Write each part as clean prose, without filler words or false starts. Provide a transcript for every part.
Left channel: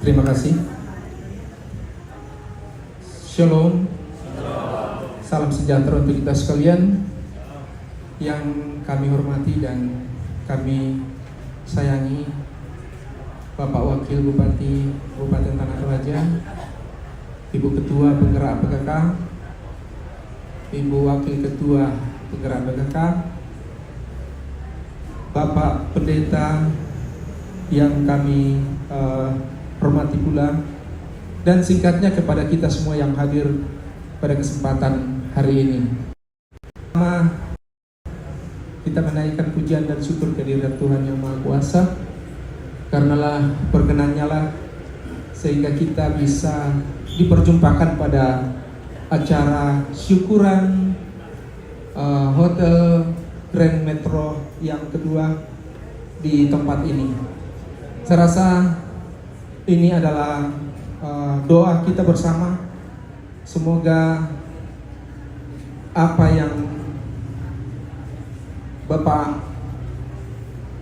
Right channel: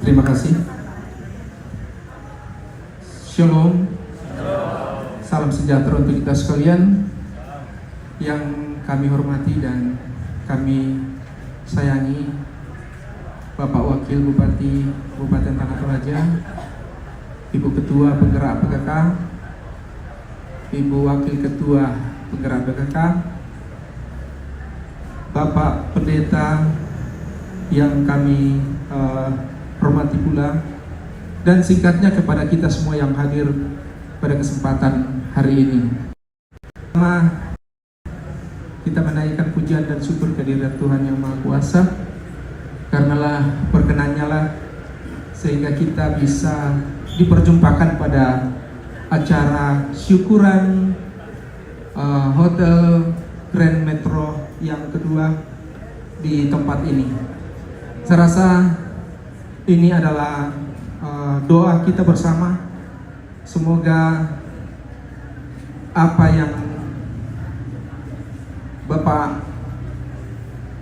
Terima kasih. Shalom. Salam sejahtera untuk kita sekalian yang kami hormati dan kami sayangi. Bapak Wakil Bupati Kabupaten Tanah Toraja, Ibu Ketua Penggerak PKK, Ibu Wakil Ketua Penggerak PKK, Bapak Pendeta yang kami hormati pula, dan singkatnya kepada kita semua yang hadir pada kesempatan hari ini. Pertama, kita menaikkan pujian dan syukur kehadirat Tuhan Yang Maha Kuasa, karenalah berkenannya lah sehingga kita bisa diperjumpakan pada acara syukuran Hotel Grand Metro yang kedua di tempat ini. Saya rasa ini adalah doa kita bersama. Semoga apa yang Bapak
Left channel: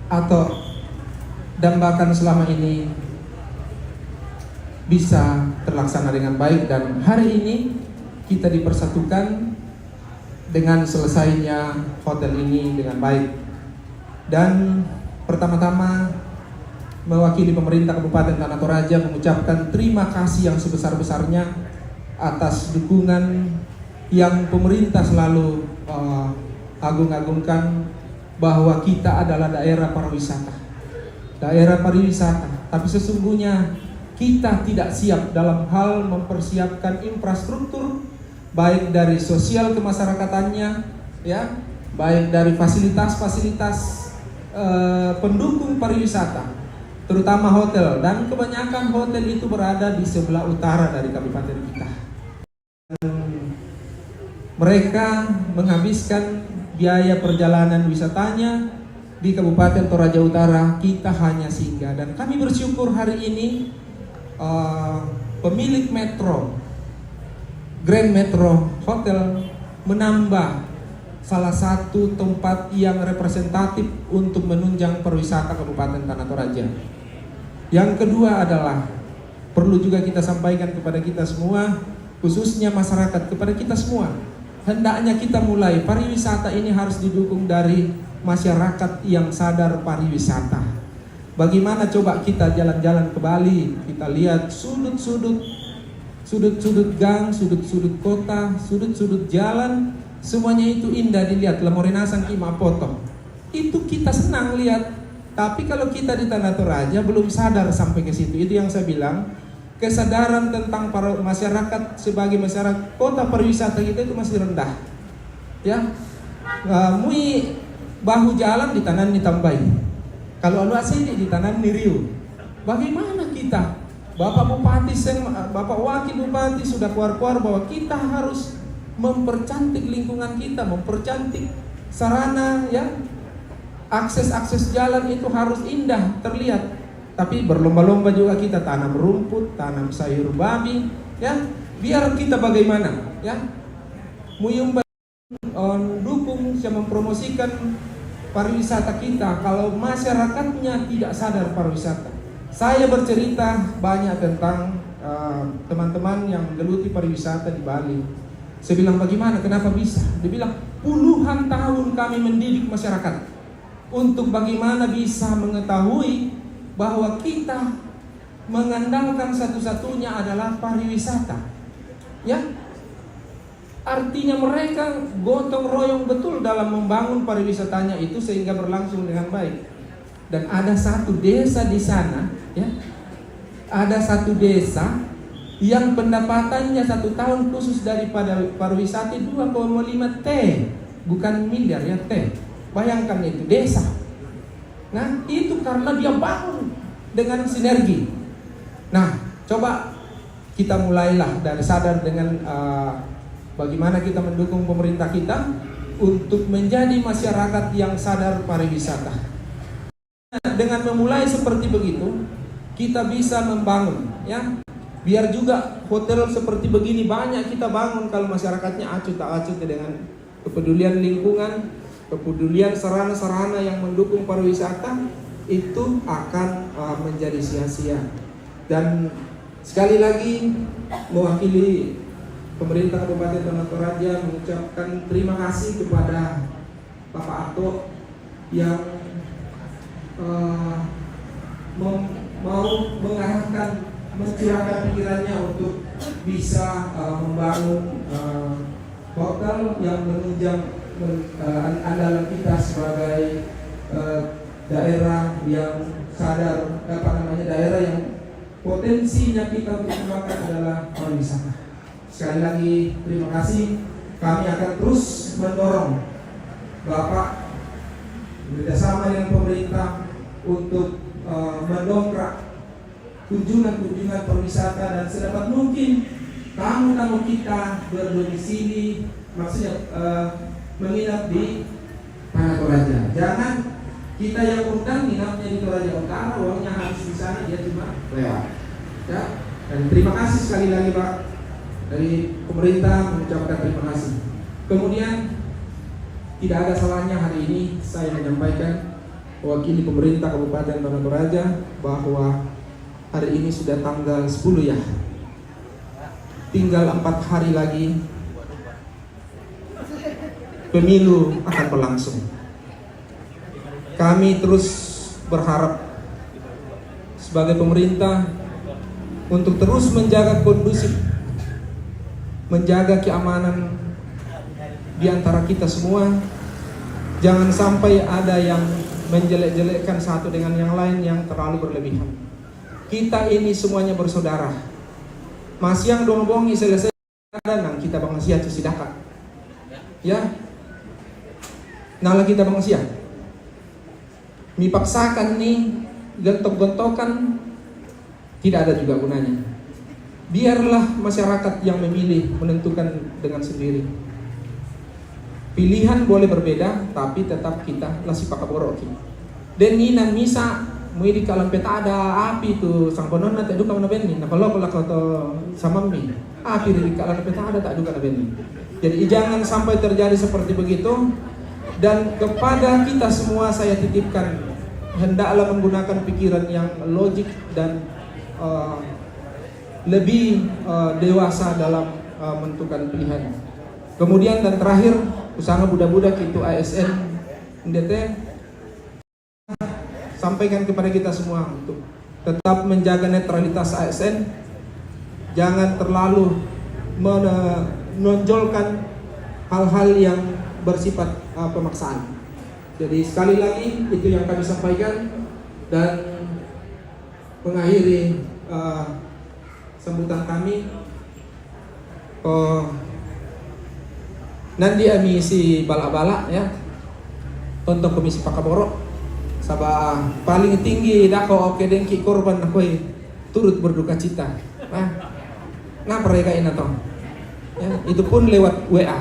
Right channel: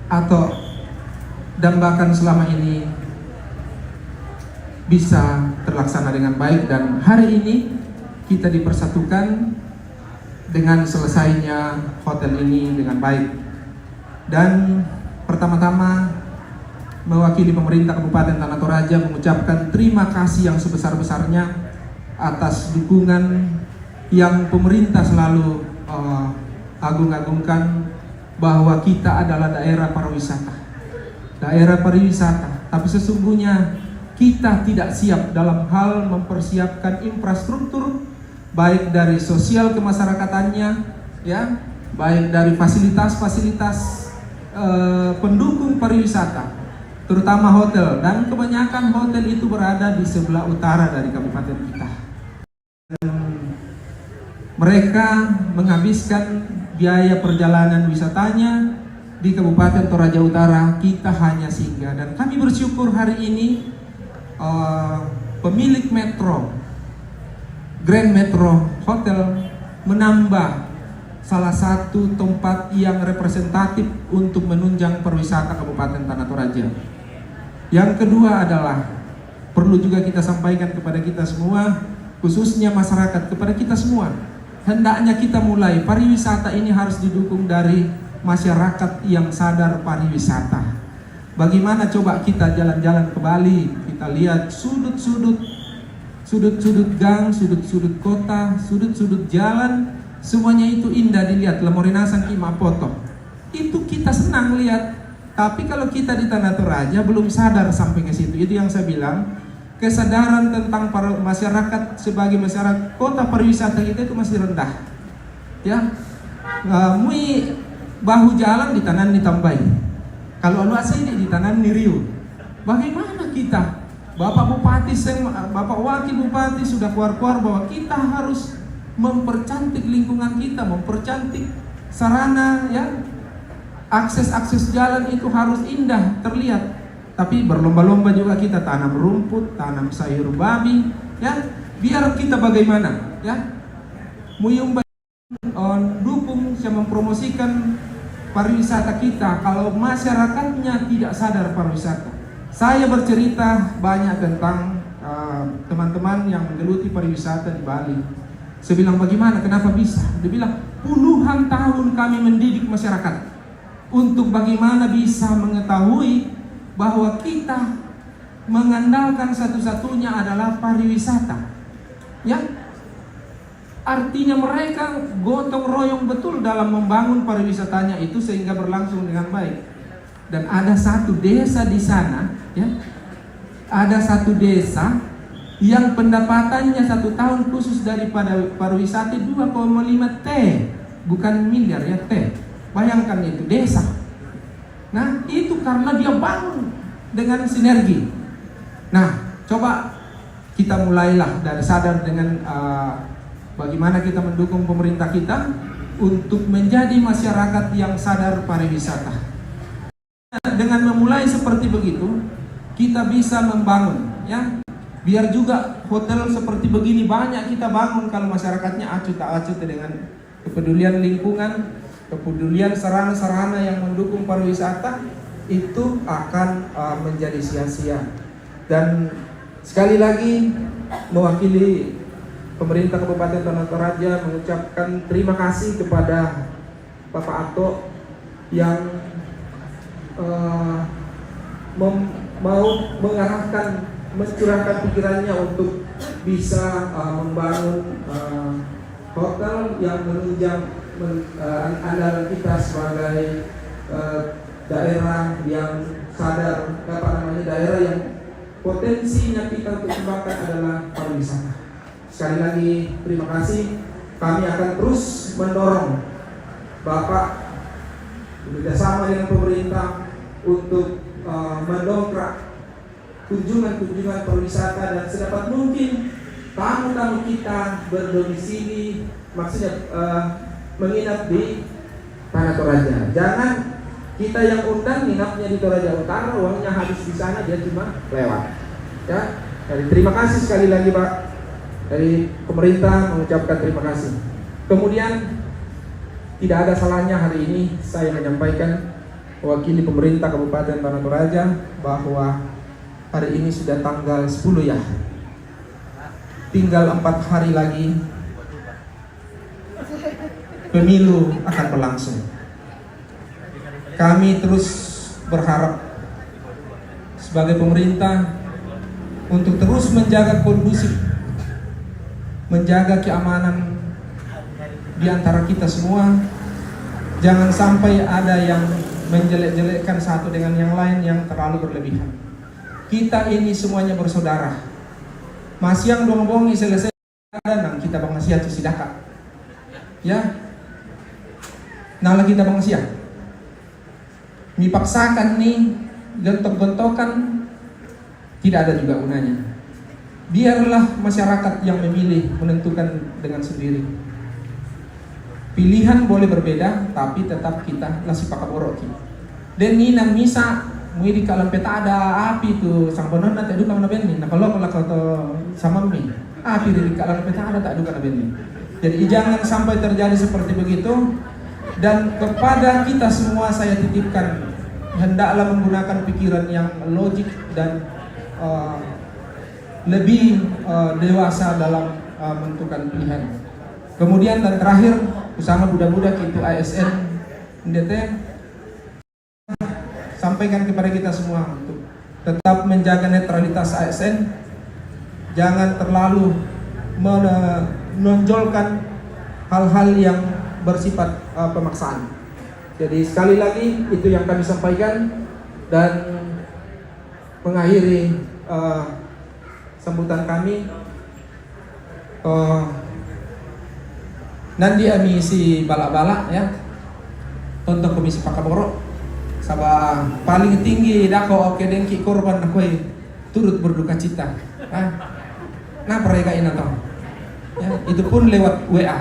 atau dambakan selama ini bisa terlaksana dengan baik, dan hari ini kita dipersatukan dengan selesainya hotel ini dengan baik. Dan pertama-tama mewakili pemerintah Kabupaten Tanah Toraja mengucapkan terima kasih yang sebesar-besarnya atas dukungan yang pemerintah selalu agung-agungkan, bahwa kita adalah daerah pariwisata. Tapi sesungguhnya kita tidak siap dalam hal mempersiapkan infrastruktur, baik dari sosial kemasyarakatannya, ya, baik dari fasilitas-fasilitas pendukung pariwisata, terutama hotel, dan kebanyakan hotel itu berada di sebelah utara dari kabupaten kita. Dan mereka menghabiskan biaya perjalanan wisatanya di Kabupaten Toraja Utara, kita hanya singgah. Dan kami bersyukur hari ini pemilik Metro Grand Metro Hotel menambah salah satu tempat yang representatif untuk menunjang pariwisata Kabupaten Tanah Toraja. Yang kedua adalah perlu juga kita sampaikan kepada kita semua, khususnya masyarakat, kepada kita semua, hendaknya kita mulai pariwisata ini harus didukung dari masyarakat yang sadar pariwisata. Bagaimana coba kita jalan-jalan ke Bali, kita lihat sudut-sudut gang, sudut-sudut kota, sudut-sudut jalan, semuanya itu indah dilihat. Lamorinasan Kima foto, itu kita senang lihat. Tapi kalau kita di Tanah Toraja belum sadar sampai ke situ. Itu yang saya bilang, kesadaran tentang masyarakat sebagai masyarakat kota pariwisata kita itu masih rendah. Ya, mui bahu jalan di tangan ditambahi. Kalau lu asli di tangan niriu. Bagaimana kita? Bapak Bupati, Bapak Wakil Bupati sudah keluar-keluar bahwa kita harus mempercantik lingkungan kita, mempercantik sarana, ya. Akses jalan itu harus indah terlihat. Tapi berlomba-lomba juga kita tanam rumput, tanam sayur babi, ya. Biar kita bagaimana, ya. Muyung dukung, saya mempromosikan pariwisata kita kalau masyarakatnya tidak sadar pariwisata. Saya bercerita banyak tentang teman-teman yang menggeluti pariwisata di Bali. Saya bilang bagaimana, kenapa bisa? Dia bilang puluhan tahun kami mendidik masyarakat untuk bagaimana bisa mengetahui bahwa kita mengandalkan satu-satunya adalah pariwisata. Ya, artinya mereka gotong royong betul dalam membangun pariwisatanya itu sehingga berlangsung dengan baik. Dan ada satu desa di sana, ya, ada satu desa yang pendapatannya satu tahun khusus daripada pariwisata 2,5 T, bukan miliar ya, T. Bayangkan itu desa. Nah, itu karena dia bangun dengan sinergi. Nah, coba kita mulailah dari sadar dengan bagaimana kita mendukung pemerintah kita untuk menjadi masyarakat yang sadar pariwisata. Dengan memulai seperti begitu, kita bisa membangun, ya. Biar juga hotel seperti begini banyak kita bangun kalau masyarakatnya acuh tak acuh dengan kepedulian lingkungan, kepedulian sarana-sarana yang mendukung pariwisata, itu akan menjadi sia-sia. Dan sekali lagi mewakili pemerintah Kabupaten Tanah Toraja mengucapkan terima kasih kepada Bapak Ato yang mau mengarahkan, mencurahkan pikirannya untuk bisa membangun hotel yang menunjang andalan kita sebagai daerah yang sadar, daerah yang potensinya kita untuk kembangkan adalah pariwisata. Sekali lagi terima kasih. Kami akan terus mendorong Bapak bekerjasama dengan pemerintah untuk mendongkrak kunjungan pariwisata dan sedapat mungkin tamu-tamu kita berdomisili, maksudnya menginap di Tanah Toraja. Jangan kita yang undang nginapnya di Toraja Utara, uangnya habis di sana, dia cuma lewat. Ya, jadi terima kasih sekali lagi Pak dari pemerintah, mengucapkan terima kasih. Kemudian tidak ada salahnya hari ini saya menyampaikan mewakili pemerintah Kabupaten Tanah Toraja bahwa hari ini sudah tanggal 10 ya. Tinggal 4 hari lagi pemilu akan berlangsung. Kami terus berharap sebagai pemerintah untuk terus menjaga kondusif, menjaga keamanan di antara kita semua. Jangan sampai ada yang menjelek-jelekkan satu dengan yang lain yang terlalu berlebihan. Kita ini semuanya bersaudara. Masiang dong-bongi selesai nang kita bangsia tu sidaka. Ya. Nala kita bangsia. Dipaksakan nih gontok-gontokan tidak ada juga gunanya. Biarlah masyarakat yang memilih menentukan dengan sendiri. Pilihan boleh berbeda, tapi tetap kita lasi pakaboroki. Dan nang misa mui di kalam peta ada api tu sang bonon na tak duka mana benni. Nah kalau to sama mi api di kalam peta ada tak duka na benni. Jadi jangan sampai terjadi seperti begitu. Dan kepada kita semua saya titipkan, hendaklah menggunakan pikiran yang logik dan lebih dewasa dalam menentukan pilihan. Kemudian dan terakhir, usaha budak-budak itu ASN NDT sampaikan kepada kita semua untuk tetap menjaga netralitas ASN, jangan terlalu menonjolkan hal-hal yang bersifat pemaksaan. Jadi sekali lagi itu yang kami sampaikan dan mengakhiri sambutan kami. Nanti ami si balak-balak ya untuk komisi pakaboro sabah paling tinggi dako oke dengki korban nakoi turut berduka cita. Nah mereka ini toh ya, itu pun lewat WA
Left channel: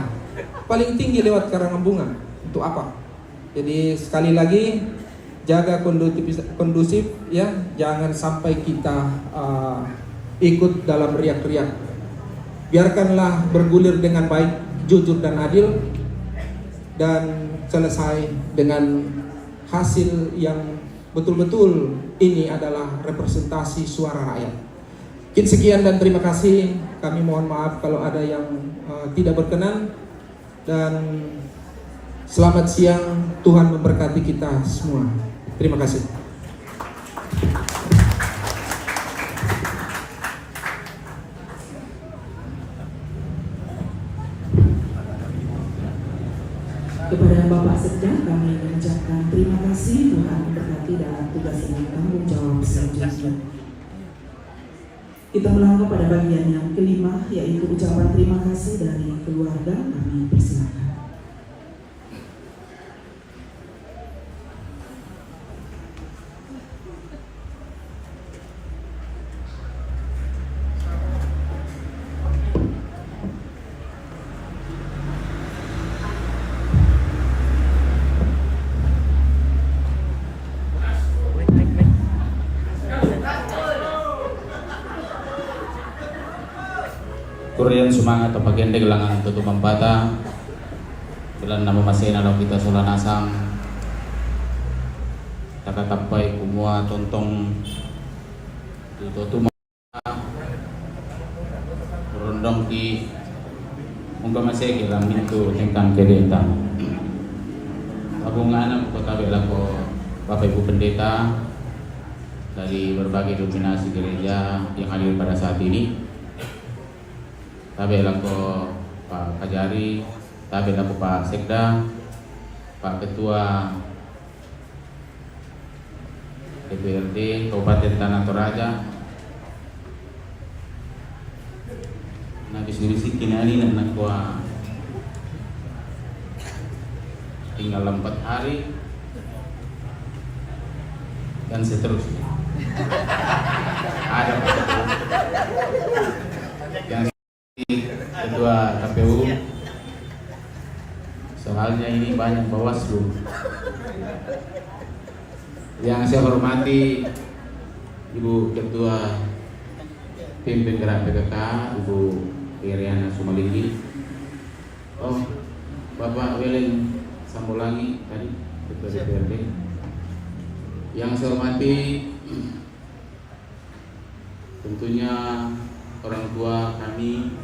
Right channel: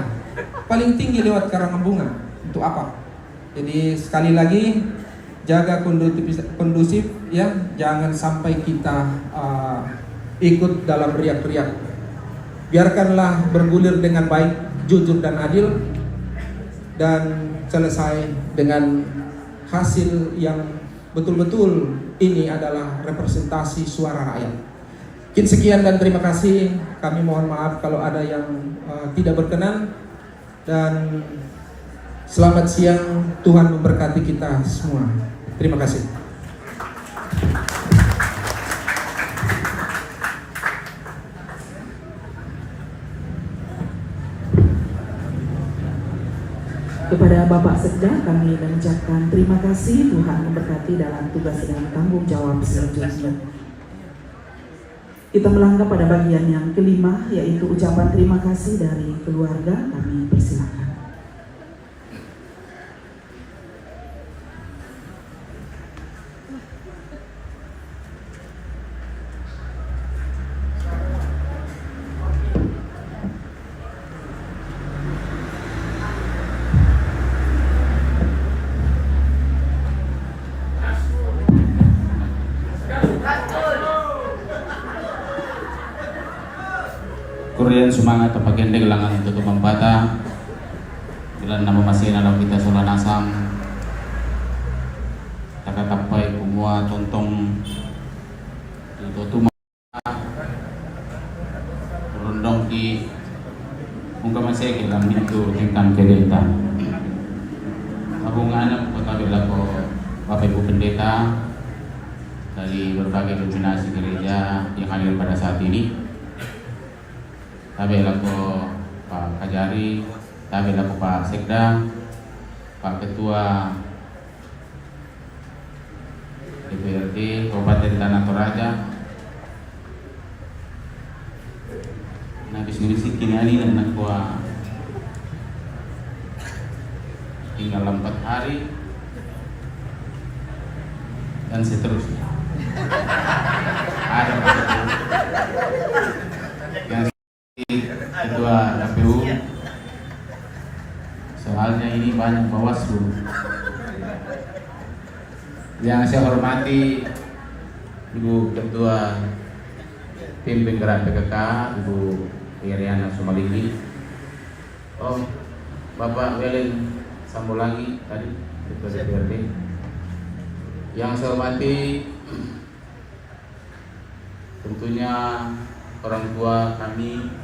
paling tinggi lewat karangan bunga. Untuk apa? Jadi sekali lagi jaga kondusif ya, jangan sampai kita ikut dalam riak-riak. Biarkanlah bergulir dengan baik, jujur dan adil, dan selesai dengan hasil yang betul-betul ini adalah representasi suara rakyat. Sekian dan terima kasih. Kami mohon maaf kalau ada yang tidak berkenan, dan selamat siang. Tuhan memberkati kita semua. Terima kasih. Kepada Bapak Sekda kami mengucapkan terima kasih. Tuhan memberkati dalam tugas dan tanggung jawab selanjutnya. Kita melangkah pada bagian yang kelima, yaitu ucapan terima kasih dari keluarga. Kami persilakan. Kurian semangat terpagende gelangan tutup mempata bulan nama masih dalam kita sulan asam takakapai kumua tontong tutup itu tentang pendeta. Aku ngana katabe lako Bapak Ibu Pendeta dari berbagai dominasi gereja yang hadir pada saat ini. Tabe lako Pak Kajari, tabe lako Pak Sekda, Pak Ketua DPRD Kabupaten Tanah Toraja, Nabis Nisi Kinani dan Nakwa tinggal 4 hari dan seterusnya. Ada Pak yang Ketua KPU, soalnya ini banyak Bawaslu. Yang saya hormati Ibu Ketua Tim Penggerak PKK, Ibu Iriana Sumalinggi, Bapak Welen Sambolangi tadi Ketua DPRD. Yang saya hormati tentunya orang tua kami,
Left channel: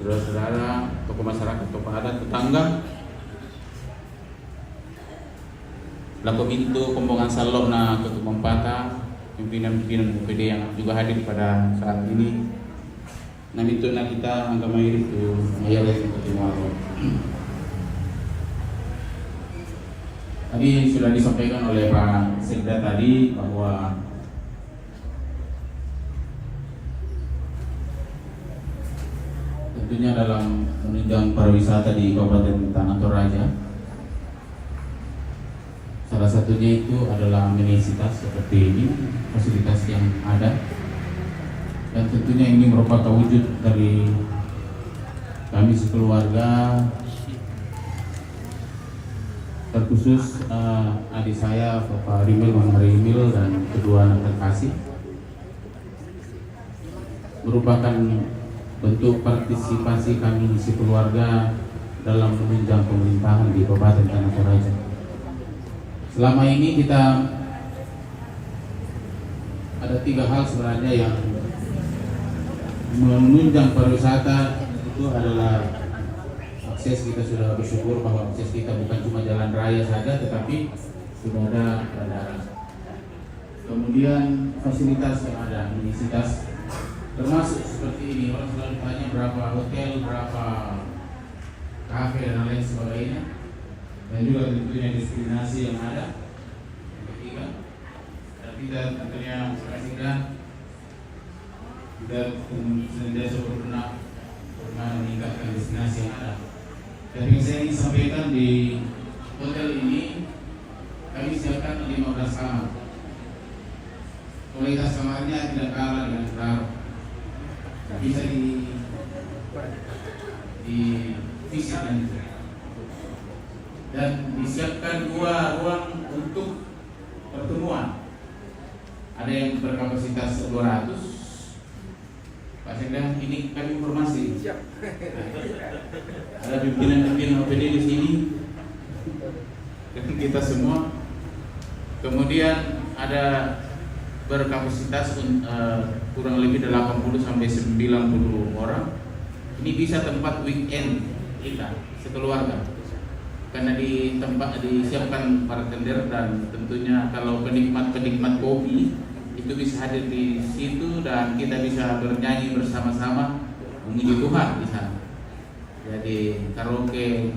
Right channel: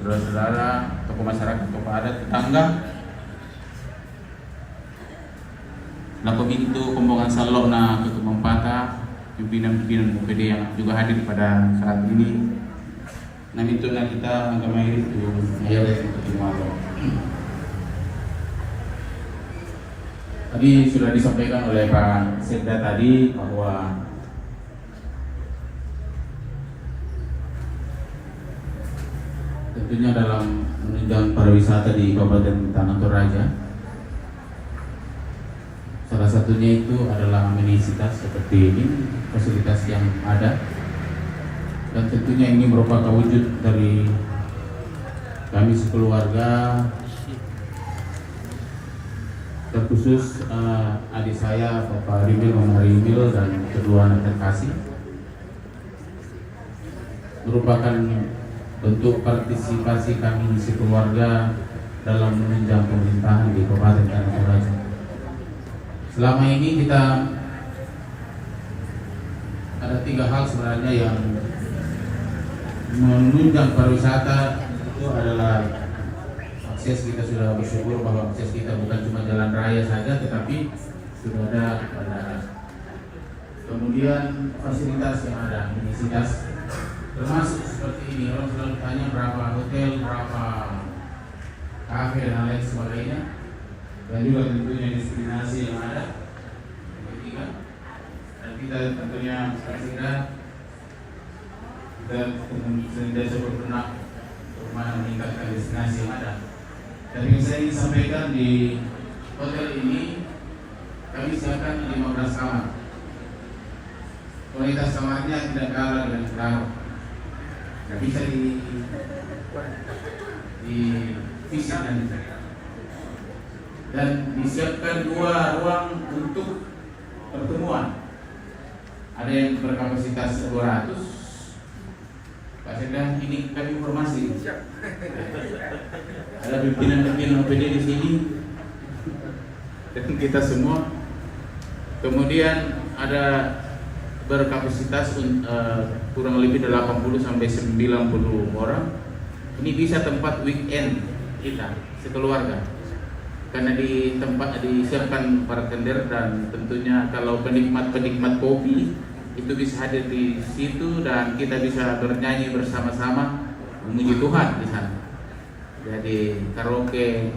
saudara-saudara, tokoh masyarakat, tokoh adat, tetangga, laku pintu Kombongan Salok na Ketumempata, pimpinan-pimpinan UPD yang juga hadir pada saat ini. Nami itu na kita angka mairi itu ayat Ketumalo. Tadi sudah disampaikan oleh Pak Sekda tadi bahwa tentunya dalam menunjang pariwisata di Kabupaten Tanah Toraja, salah satunya itu adalah amenitas seperti ini, fasilitas yang ada, dan tentunya ini merupakan wujud dari kami sekeluarga, terkhusus adik saya Bapak Rimil, Mama Rimil, dan kedua anak terkasih, merupakan bentuk partisipasi kami sekeluarga dalam menunjang pemerintahan di Kabupaten Tanah Toraja. Selama ini kita ada 3 hal sebenarnya yang menunjang pariwisata. Itu adalah akses. Kita sudah bersyukur bahwa akses kita bukan cuma jalan raya saja, tetapi sudah ada bandara. Kemudian fasilitas yang ada, amenitas, termasuk seperti ini. Orang selalu tanya berapa hotel, berapa kafe dan lain sebagainya, dan juga tentunya destinasi yang ada. Ketiga, dan kita tentunya kita senantiasa berbenah bagaimana meningkatkan destinasi yang ada. Dan yang saya ingin sampaikan di hotel ini, kami siapkan 15 kamar. Kualitas kamarnya tidak kalah dengan utara. Bisa di fisik dan disiapkan 2 ruang untuk pertemuan. Ada yang berkapasitas 200. Pak Sekda, ini kami informasi. Ada pimpinan-pimpinan OPD di sini dan kita semua. Kemudian ada berkapasitas kurang lebih 80 sampai 90 orang. Ini bisa tempat weekend kita sekeluarga. Karena di tempat disiapkan bartender, dan tentunya kalau penikmat kopi itu bisa hadir di situ dan kita bisa bernyanyi bersama-sama memuji Tuhan di sana. Jadi karaoke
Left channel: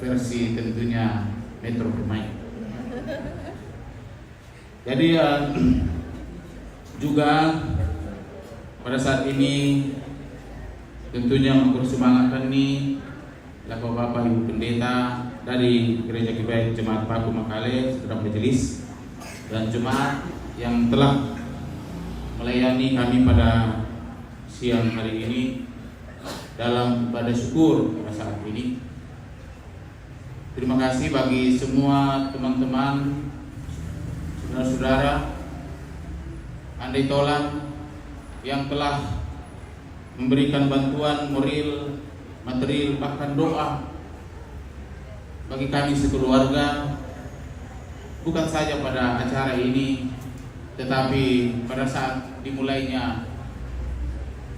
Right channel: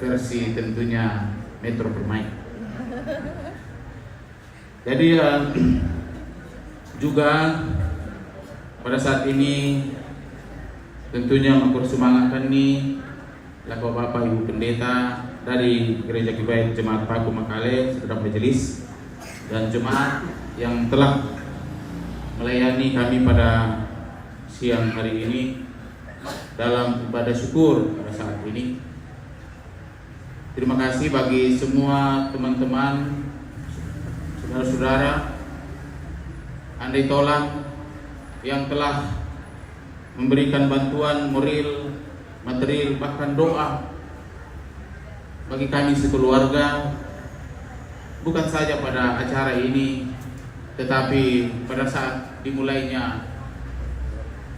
versi tentunya Metro Permai. Jadi juga pada saat ini tentunya mempersemangatkan nih laku Bapak Ibu Pendeta dari Gereja Kibaya Jemaat Paku Makale, Saudara Majelis, dan jemaat yang telah melayani kami pada siang hari ini dalam ibadah syukur pada saat ini. Terima kasih bagi semua teman-teman, saudara-saudara, andai tolong yang telah memberikan bantuan moral, material, bahkan doa bagi kami sekeluarga, bukan saja pada acara ini, tetapi pada saat dimulainya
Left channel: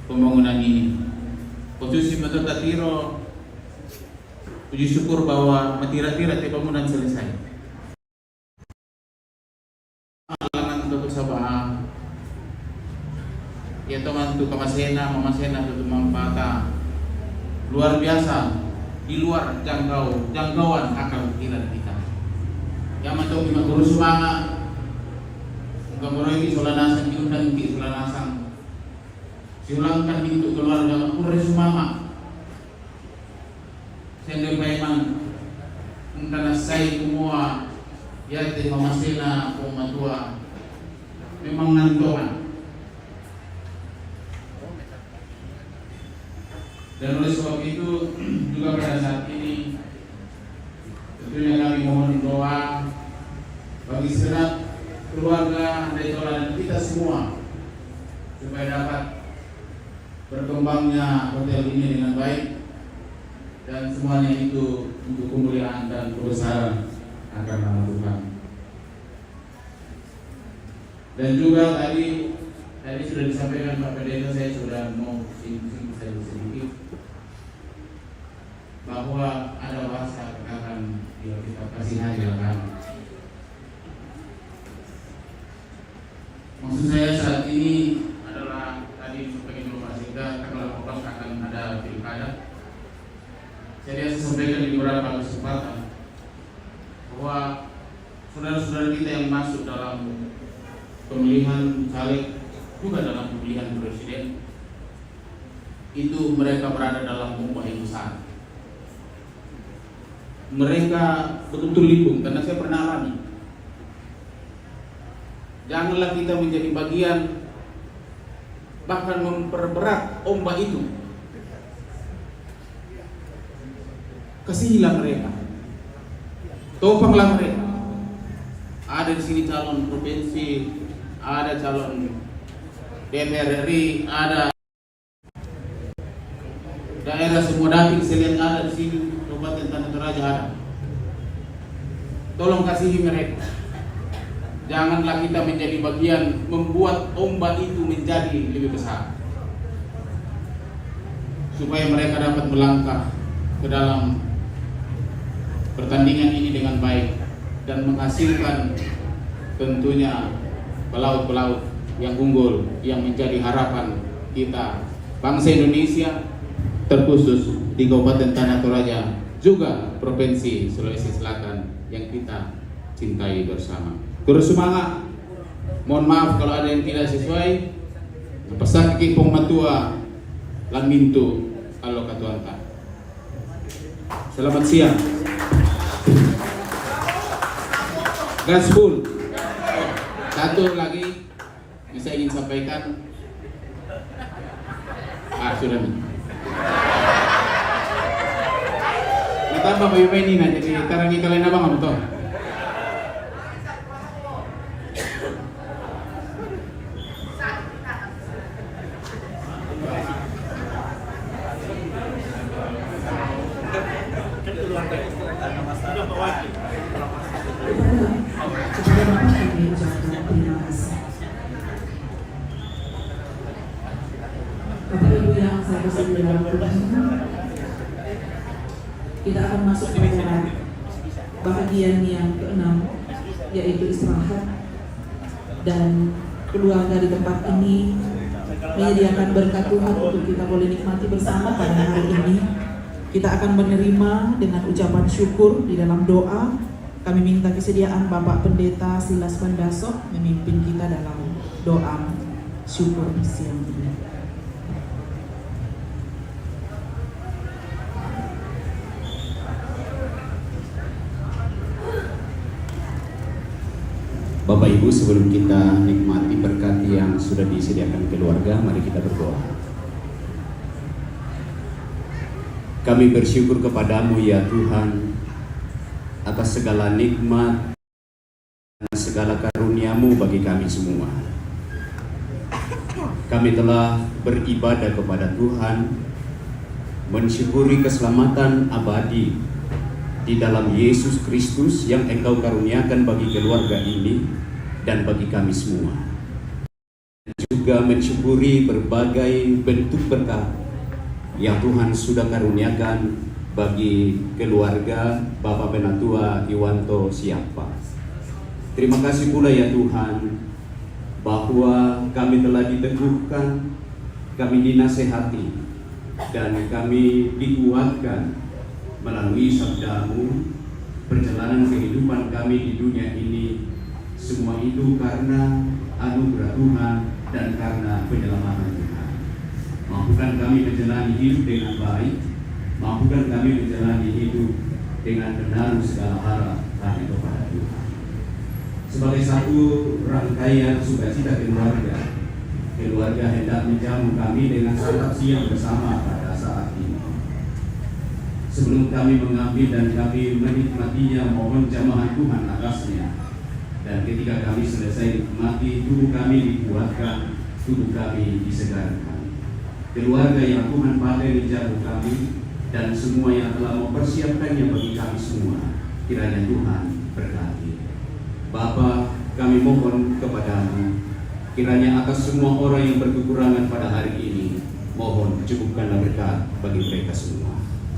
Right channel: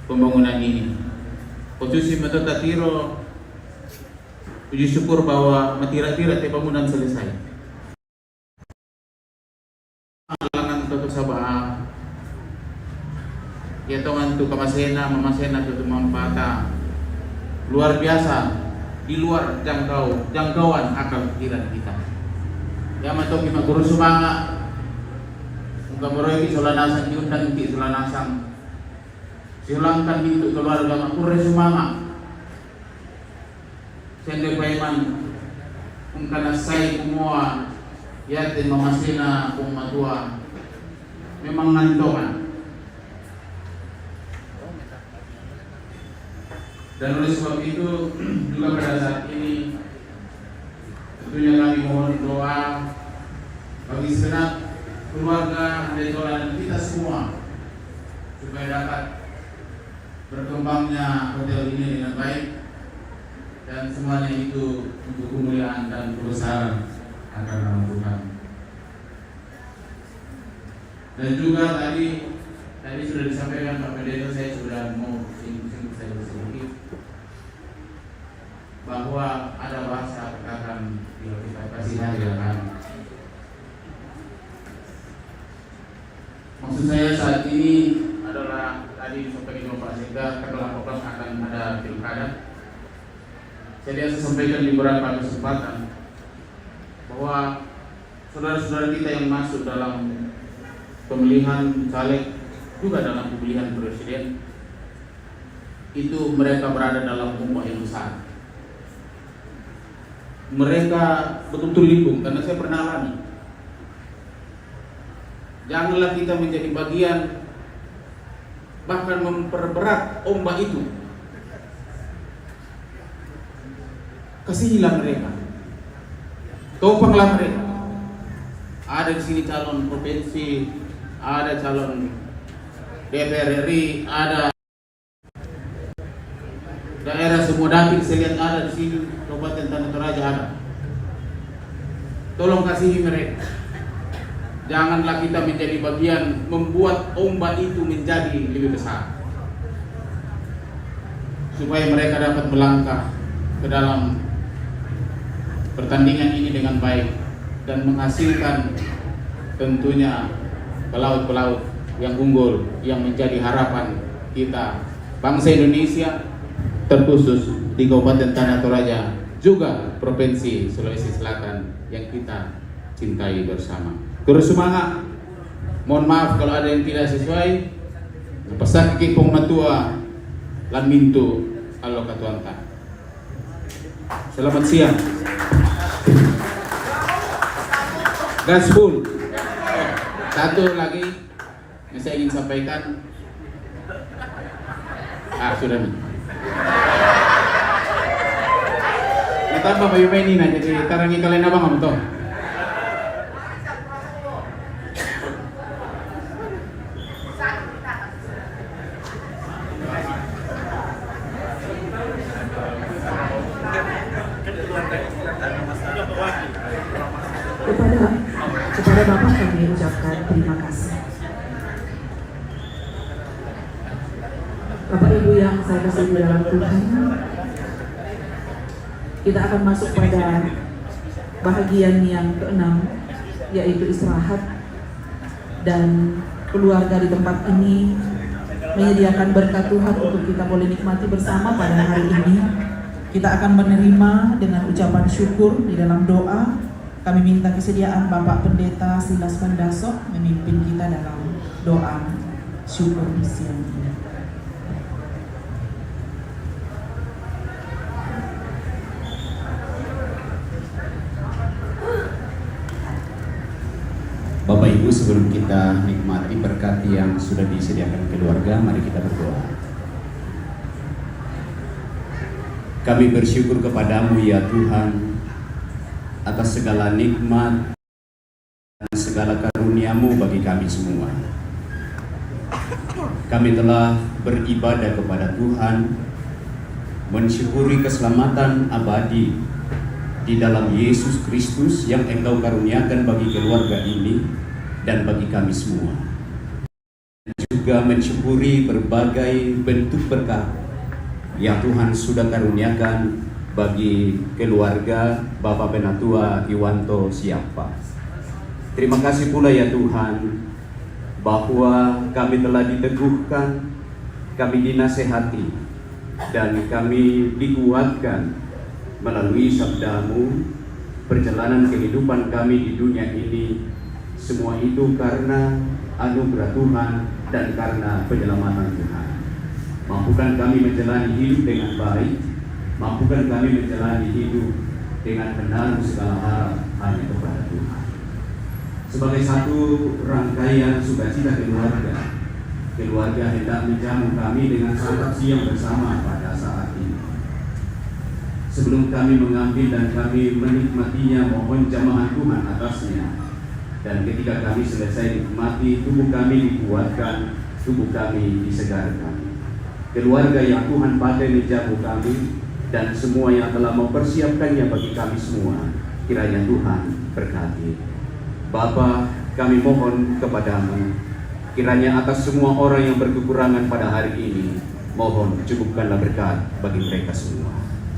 pembangunan ini. Khususnya Metotatiro Puji syukur bahwa matira-tira te bangunan selesai. Alangan tutu sabah. Ya tongan tu kamasena, mamasena tutu mampata. Luar biasa, di luar jangkauan akal pikiran kita. Ya matong lima guru sumanga. Muka meroy solanasan diundang di solanasan. Silangkan pintu keluarga makure sumanga. Sende paiman ungkana sai kumua yatin mamasina kumatua memang ngantongan. Dan oleh sebab itu juga pada saat ini tentunya kami mohon doa bagi segenap keluarga dan saudara kita semua supaya dapat berkembangnya hotel ini dengan baik dan semuanya itu untuk kemuliaan dan kebesaran akan Allah. Dan juga tadi sudah disampaikan Pak Pendeta, saya sudah mau singgung saja sedikit bahwa ada bahasa katakan kita kasih kan. Maksud saya saat ini adalah tadi disampaikan Bapak Sekda tanggal 18 akan ada pilkada. Saya sampaikan di beberapa kesempatan bahwa saudara-saudara kita yang masuk dalam pemilihan caleg juga dalam pemilihan presiden itu mereka berada dalam ummah yang besar. Mereka betul-betul limbung karena saya pernah alami. Janganlah kita menjadi bagian bahkan memperberat ombak itu. Kasihilah mereka, topanglah mereka. Ada di sini calon provinsi, ada calon DPR RI, ada daerah semua dapil saya lihat ada di sini, Kabupaten Tanah Toraja ada. Tolong kasihi mereka. Janganlah kita menjadi bagian membuat ombak itu menjadi lebih besar, supaya mereka dapat melangkah ke dalam pertandingan ini dengan baik dan menghasilkan tentunya pelaut-pelaut yang unggul yang menjadi harapan kita bangsa Indonesia, terkhusus di Kabupaten Tanah Toraja juga Provinsi Sulawesi Selatan yang kita cintai bersama. Terus semangat. Mohon maaf kalau ada yang tidak sesuai. Pesan kipong matua lan mintu Allah katuanta. Selamat siang. Gaspol. Satu lagi yang saya ingin sampaikan. Sudah nih. Natambah ba yung ini na jadi tarangi kalian abang ano to? Kepada Bapak kami ucapkan terima kasih. Bapak Ibu yang saya kasih di dalam Tuhan, kita akan masuk pada bahagian yang keenam, yaitu istirahat. Dan keluarga di tempat ini menyediakan berkat Tuhan untuk kita boleh nikmati bersama pada hari ini. Kita akan menerima dengan ucapan syukur di dalam doa. Kami minta kesediaan Bapak Pendeta Silas Pandaso memimpin kita dalam doa syukur siang ini. Bapak Ibu, sebelum kita nikmati berkat yang sudah disediakan keluarga, mari kita berdoa. Kami bersyukur kepadamu ya Tuhan atas segala nikmat dan segala karunia-Mu bagi kami semua. Kami telah beribadah kepada Tuhan, mensyukuri keselamatan abadi di dalam Yesus Kristus yang Engkau karuniakan bagi keluarga ini dan bagi kami semua. Juga mensyukuri berbagai bentuk berkat yang Tuhan sudah karuniakan bagi keluarga Bapak Penatua Iwanto Siapa. Terima kasih pula ya Tuhan, bahwa kami telah diteguhkan, kami dinasehati, dan kami dikuatkan melalui sabda-Mu. Perjalanan kehidupan kami di dunia ini, semua itu karena anugerah Tuhan dan karena penyelamatan Tuhan. Mampukan kami menjalani hidup dengan baik, mampukan kami menjalani hidup dengan menaruh segala harap hanya kepada Tuhan. Sebagai satu rangkaian sukacita keluarga, keluarga hendak menjamu kami dengan santap siang bersama pada saat ini. Sebelum kami mengambil dan kami menikmatinya, mohon jamaah Tuhan atasnya. Dan ketika kami selesai nikmati, tubuh kami dikuatkan, tubuh kami disegarkan. Keluarga yang Tuhan pakai menjamu kami, dan semua yang telah mempersiapkannya bagi kami semua, kiranya Tuhan berkati. Bapa, kami mohon kepadamu, kiranya atas semua orang yang berkekurangan pada hari ini, mohon cukupkanlah berkat bagi mereka semua.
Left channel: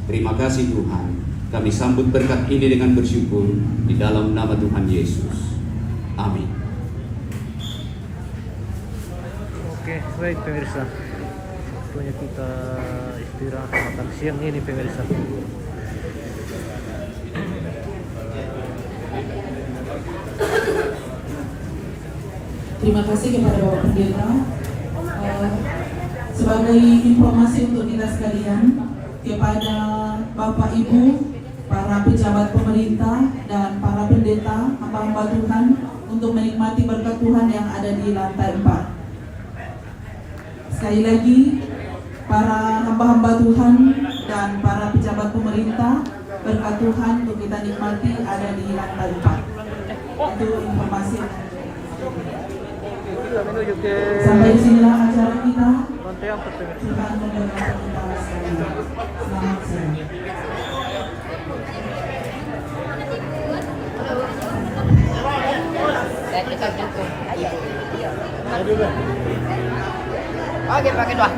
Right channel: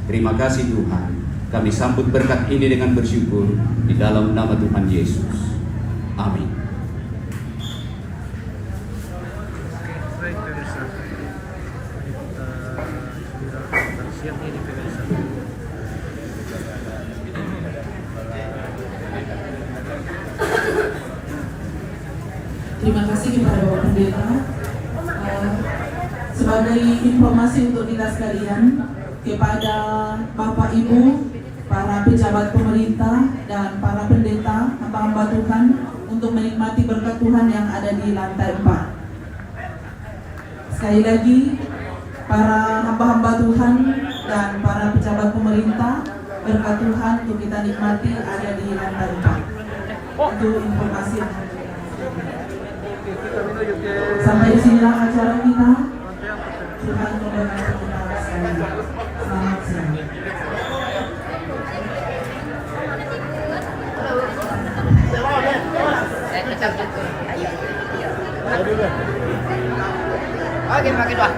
Terima kasih Tuhan, kami sambut berkat ini dengan bersyukur di dalam nama Tuhan Yesus. Amin. Oke, baik pemirsa. Ini kita istirahat makan siang ini pemirsa. Terima kasih kepada Bapak Pendeta. Sebagai informasi untuk kita sekalian, kepada Bapak Ibu, para pejabat pemerintah dan para pendeta, hamba-hamba Tuhan, untuk menikmati berkat Tuhan yang ada di lantai 4. Sekali lagi, para hamba-hamba Tuhan dan para pejabat pemerintah, berkat Tuhan untuk kita nikmati ada di lantai 4. Itu informasi. Sampai di sinilah acara kita. Tuhan memberkati kita sekalian. Selamat siang. Saya tetap dukung. Ayo. Oke, pakai doa.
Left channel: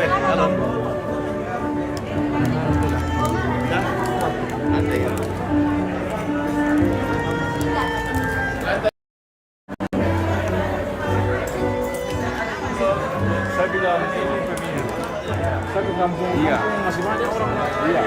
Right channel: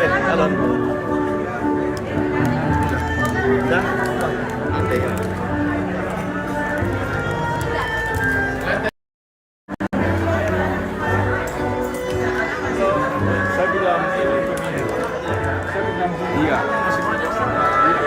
Baik, halo. Dah, nanti ya. Saya bilang ini begini. Saya bilang iya. Iya.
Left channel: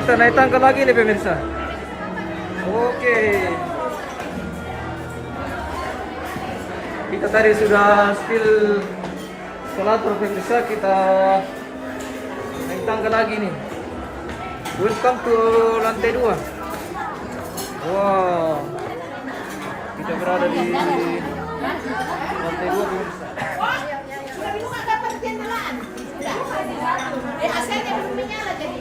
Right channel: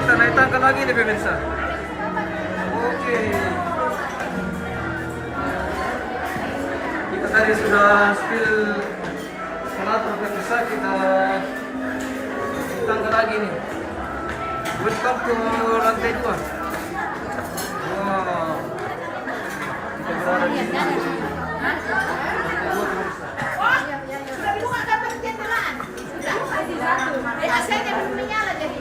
Kita naik tangga lagi nih pemirsa. Oke. Kita tadi sudah spill selatur pemirsa, kita naik tangga lagi nih. Welcome to lantai 2. Wow. Kita berada di lantai 2 pemirsa. Sudah dibuka dapat jendelaan. Sudah. Asalnya belum menyala jadi.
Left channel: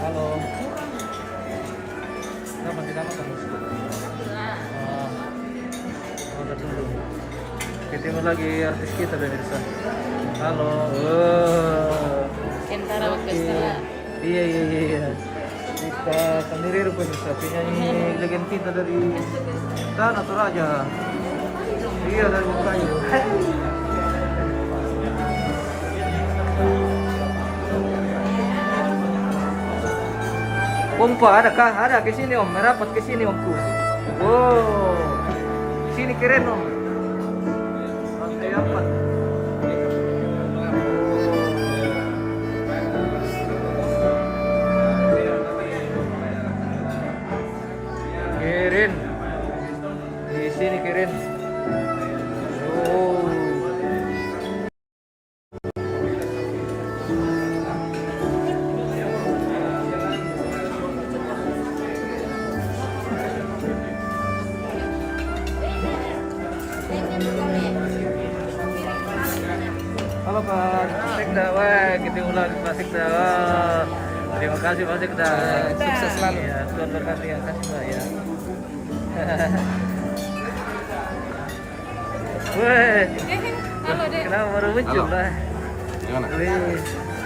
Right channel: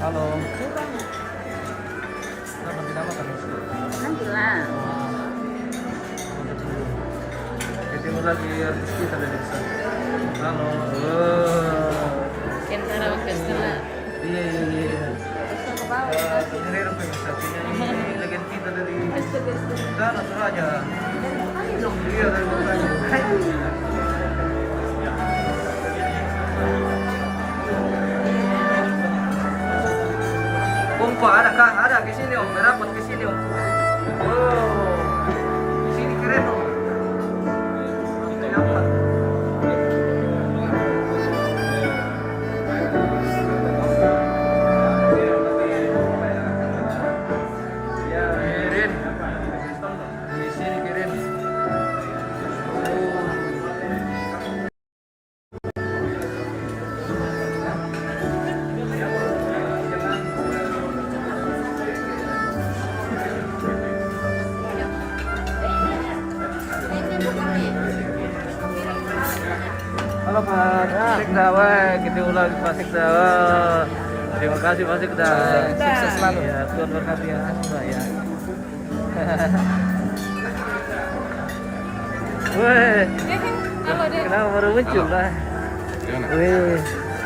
Halo. Kenapa tidak makan? Makan dulu. Ketemu lagi artis kita dari sana. Halo. Kentara Orkestra. Iya. Sendiri pemirsa penyanyi legend kita dari sana Toraja. Iya dari Toraja. Om Pak, ada kah? Ada ke sini Om, merapat ke sini Om. Oh, di sini keren Om. Lantai 4. Keren. Di sini keren. Oh. Halo Pak Sekda, wah ketemu lagi Pak Sekda. Wah, terima kasih Pak Sekda. Sukses selalu. Ya, Tuhan berkati ya, Mbak ya. Wah, kenapa baru muncul lah? Gimana? Wih.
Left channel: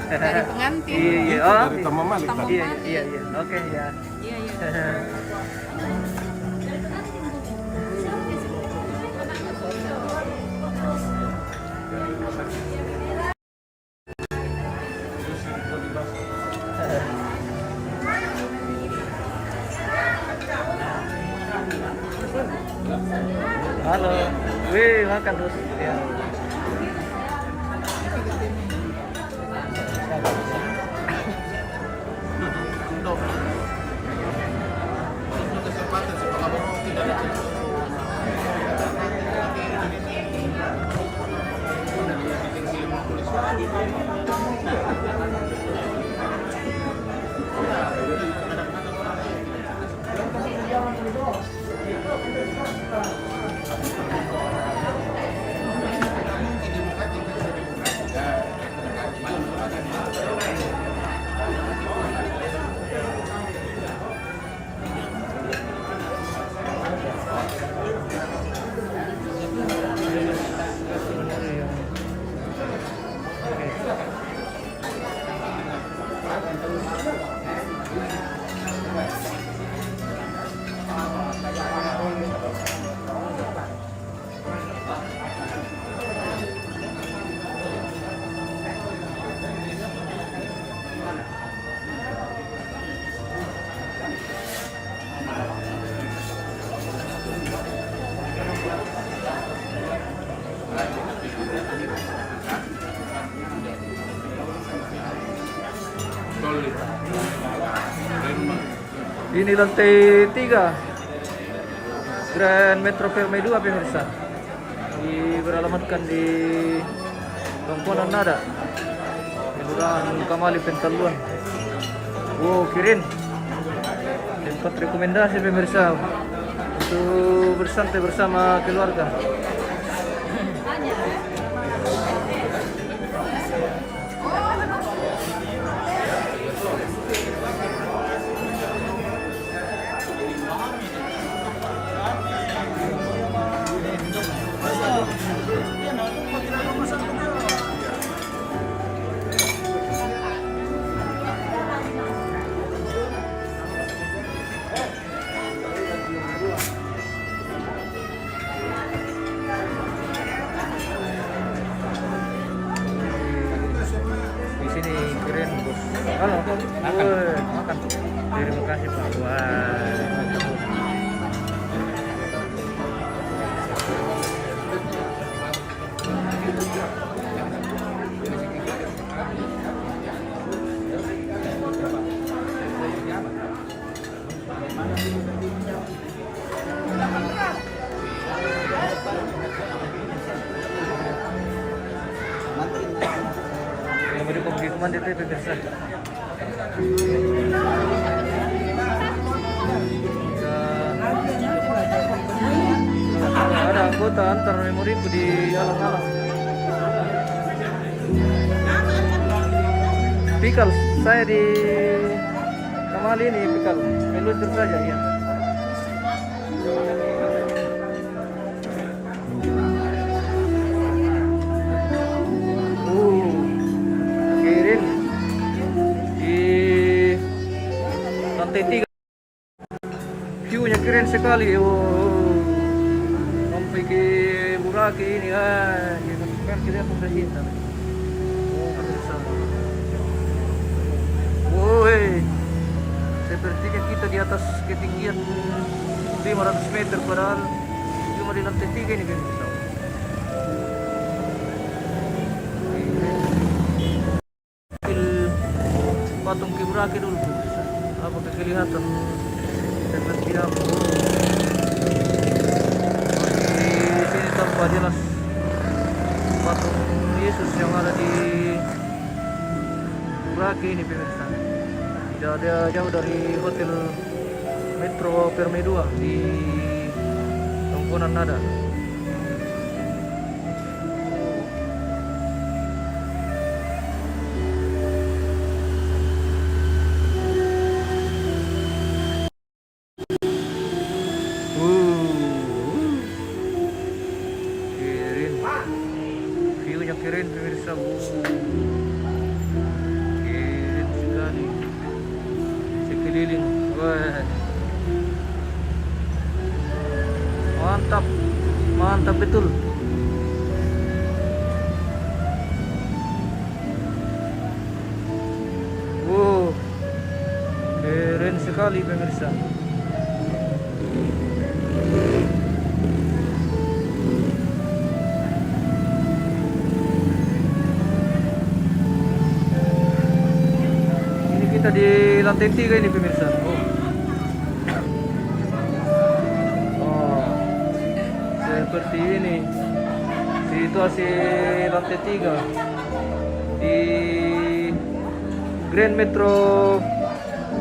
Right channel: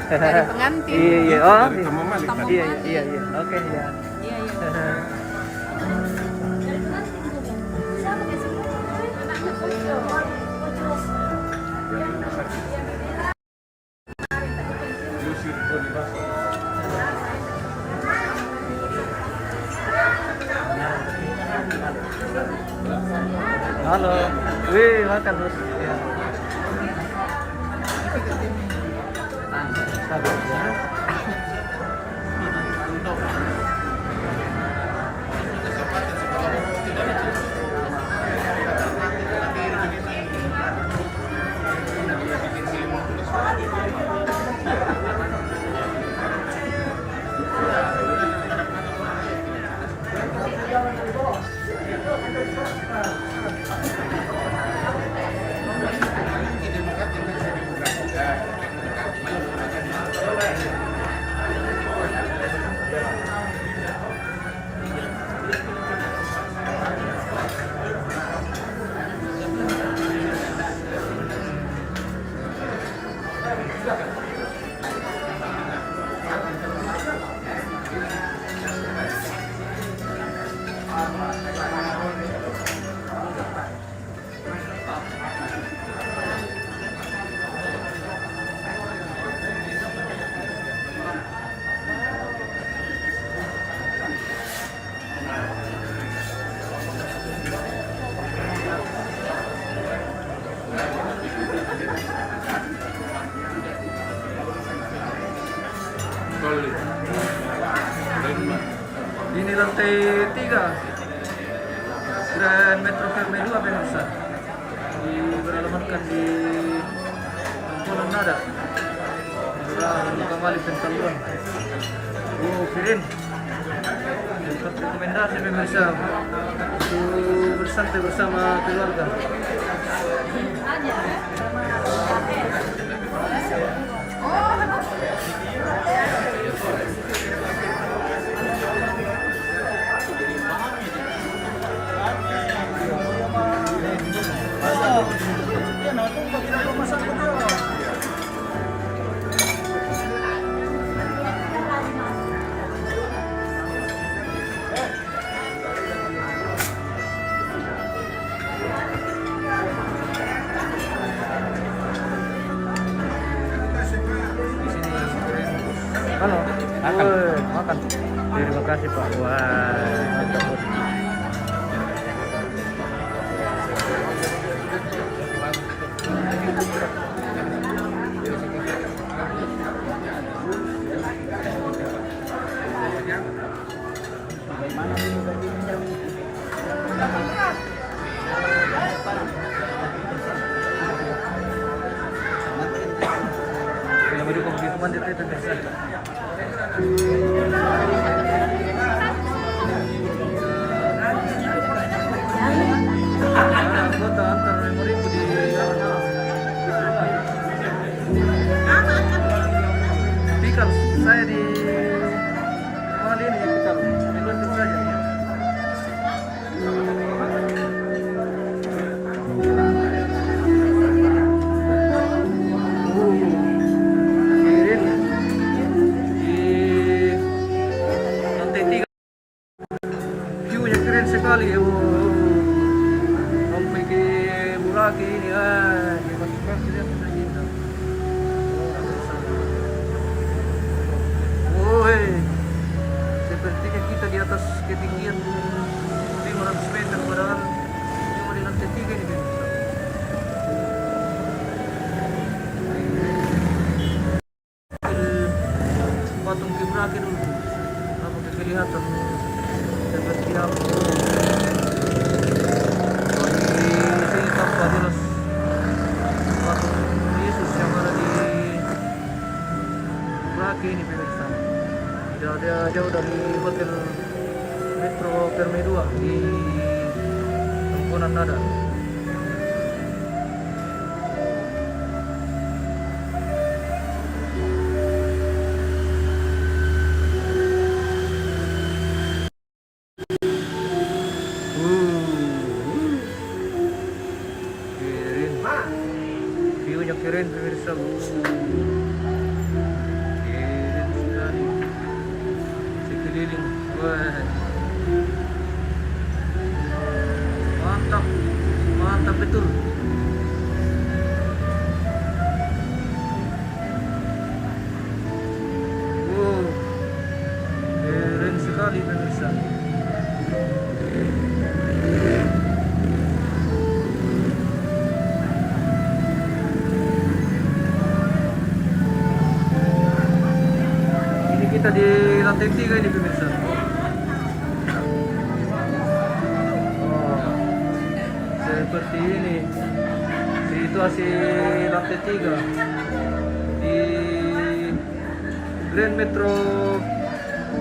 Dari pengantin. Iya. Oh, Dari Tamu Malik tadi. iya. Oke ya. Iya. Halo, wih makan terus ya. Sabar ya. Ini lantai 3 Grand Metro Permai 2 pemirsa. Beralamatkan di Pangkulan Nada, Kelurahan Kamali Pentaluan. Oh, Kirin. Tempat rekomendasi pemirsa untuk bersantai bersama keluarga. Di sini Kirin. Halo. Woi, makan. Terima kasih Pak. Wah, mantap bos. Film di komedi mandi itu biasa. Ada anggota antar memoriku di alam-alam. Pikal, saya di Kamali ini pikal, meluncur saja ya. Kirin di lantai 3. View-nya keren sekali. Sampai ke Buraki ini ya kan lihat sudah cinta. Woi, sepertinya kita di atas ketinggian 500 meter padahal cuma di lantai 3 ini kan. Patung Kibraki dulu. Apakah kelihatan seperti apa? Di sini tampak jelas patung Yesus yang ada di Kibraki ini pemirsa. Tidak ada jauh dari Hotel Metro Permai 2 di Pangkulan Nada. Kirin, view-nya keren pemirsa. Keren sekali. Sekeliling, wah, mantap, mantap betul. Wow, keren sekali pemirsa. Ini kita di lantai 3 ini pemirsa. Oh, seperti ini situasi lantai 3 di Grand Metro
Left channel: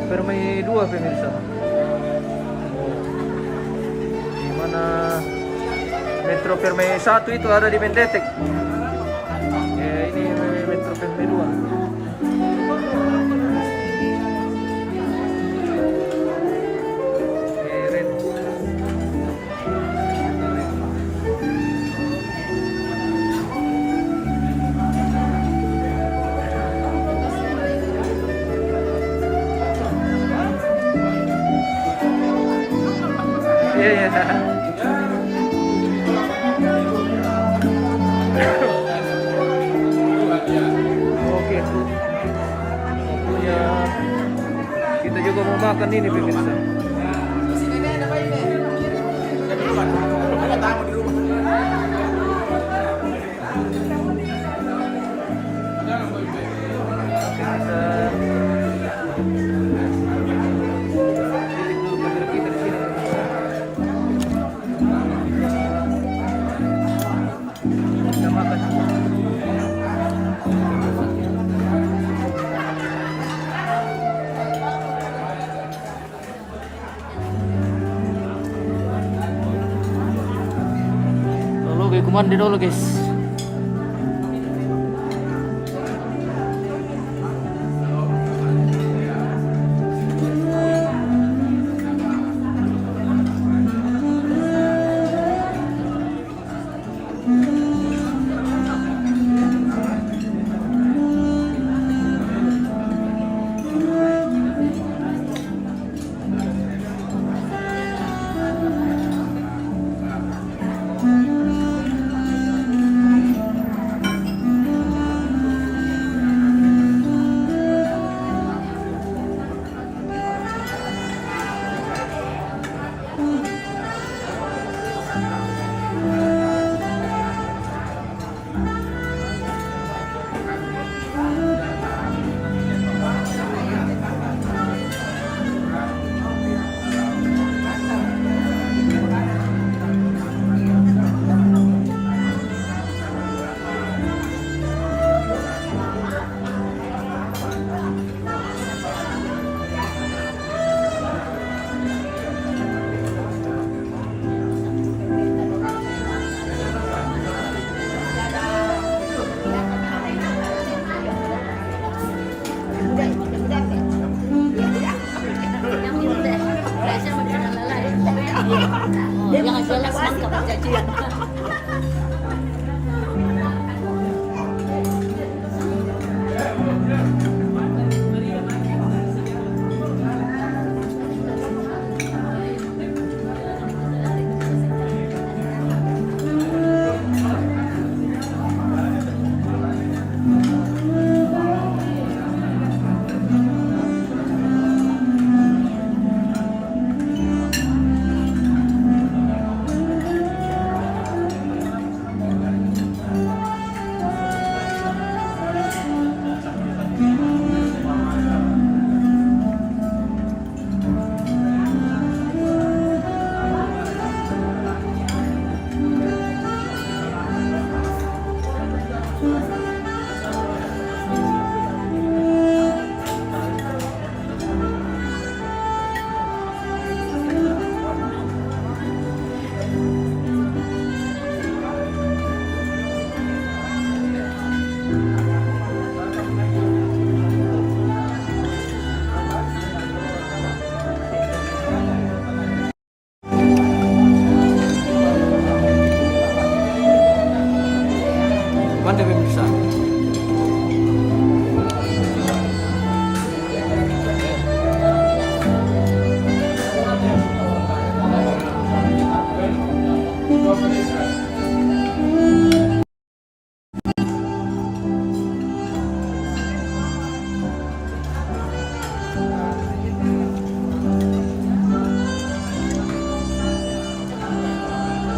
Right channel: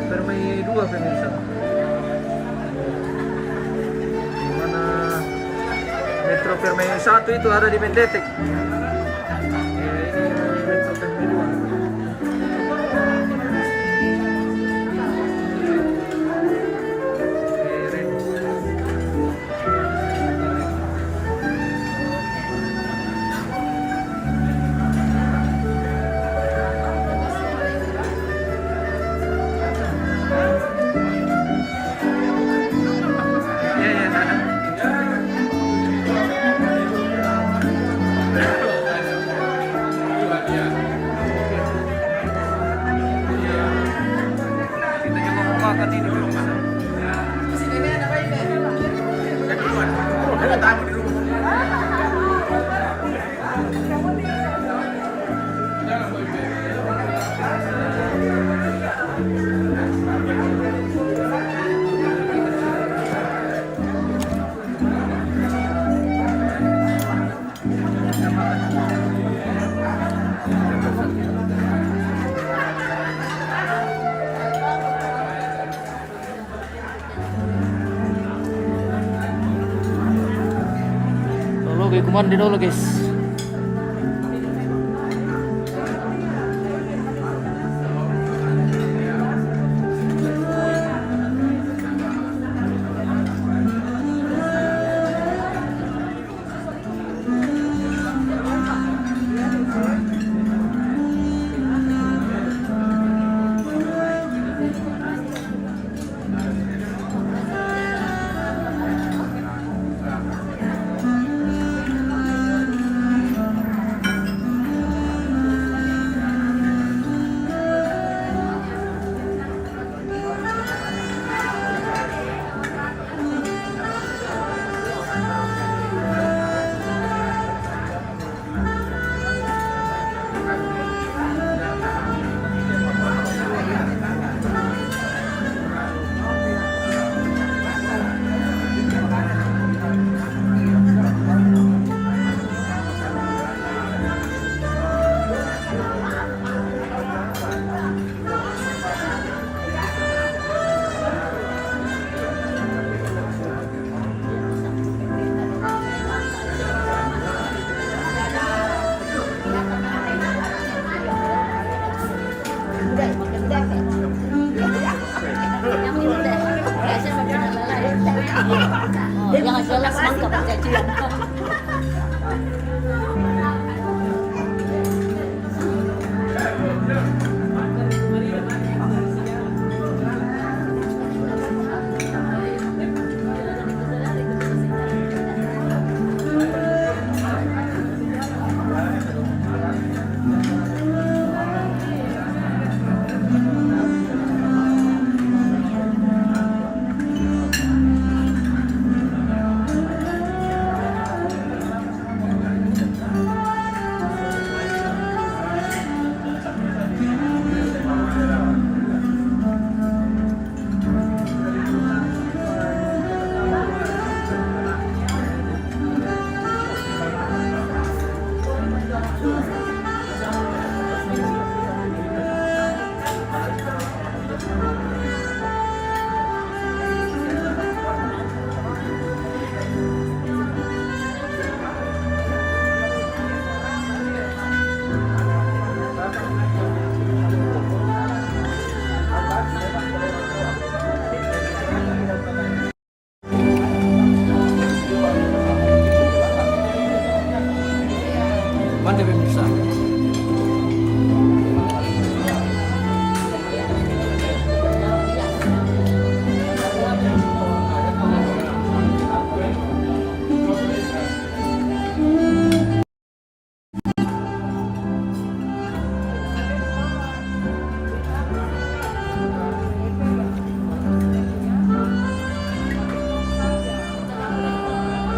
Permai 2 pemirsa. Di mana Metro Permai 1 itu ada di Mendetek. Ya, ini Metro Permai 2. Keren. Iya, iya, sana. Oke. Kita juga mau makan ini pemirsa. kumandi dulu guys. Yang jelas mangkap perjanjian. Mantap pemirsa.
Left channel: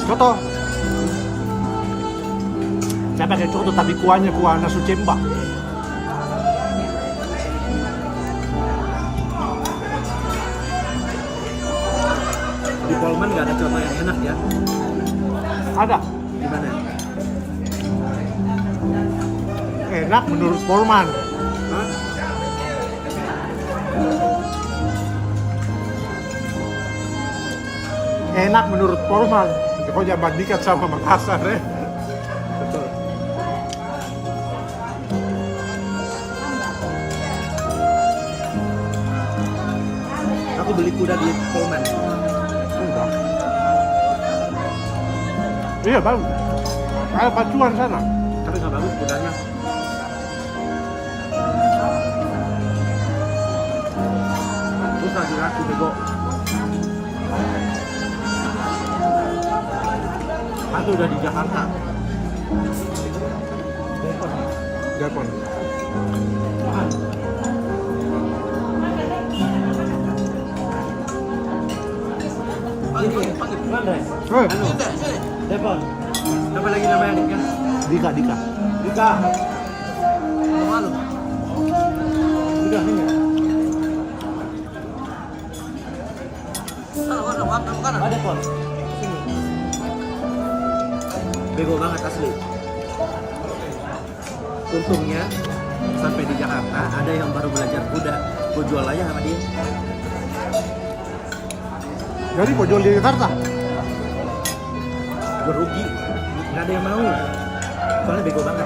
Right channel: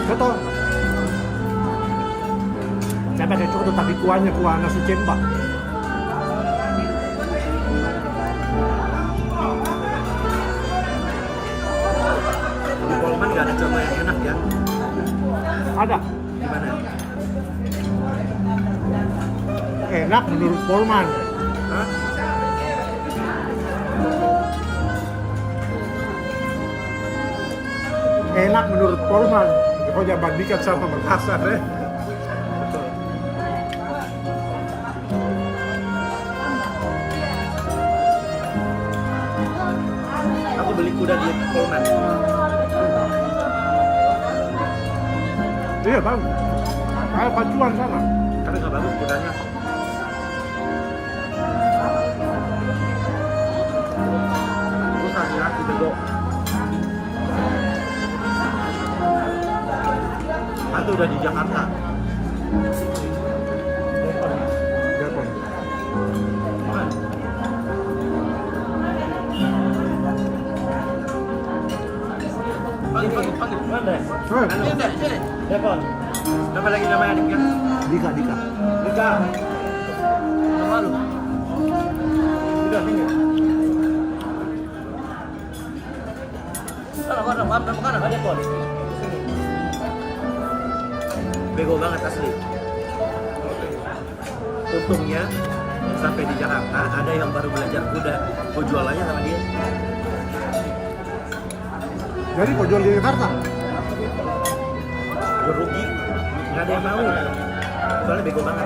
Foto. Saya pakai foto tapi kuahnya kuah nasu cembak. Di Polman nggak ada contoh yang enak ya? Ada. Di mana? Enak menurut Polman. Hah? Enak menurut Polman. Kau jangan bandingkan sama Makassar ya. Aku beli kuda di Polman. Iya tahu. Ada pacuan sana. Tapi nggak bagus kudanya. Susah aku nego. Aku udah di Jakarta. Jepang. Panggil. Oh, Siapa? Siapa lagi namanya adiknya? Dika. Dika. Nama lu? Dika sini. Warna makanan. Adik gua. Bego banget asli. Untungnya sampai di Jakarta ada yang baru belajar kuda. Gua jual aja sama dia. Jadi kau jual di Jakarta? Gue rugi. Nggak ada yang mau. Soalnya bego banget.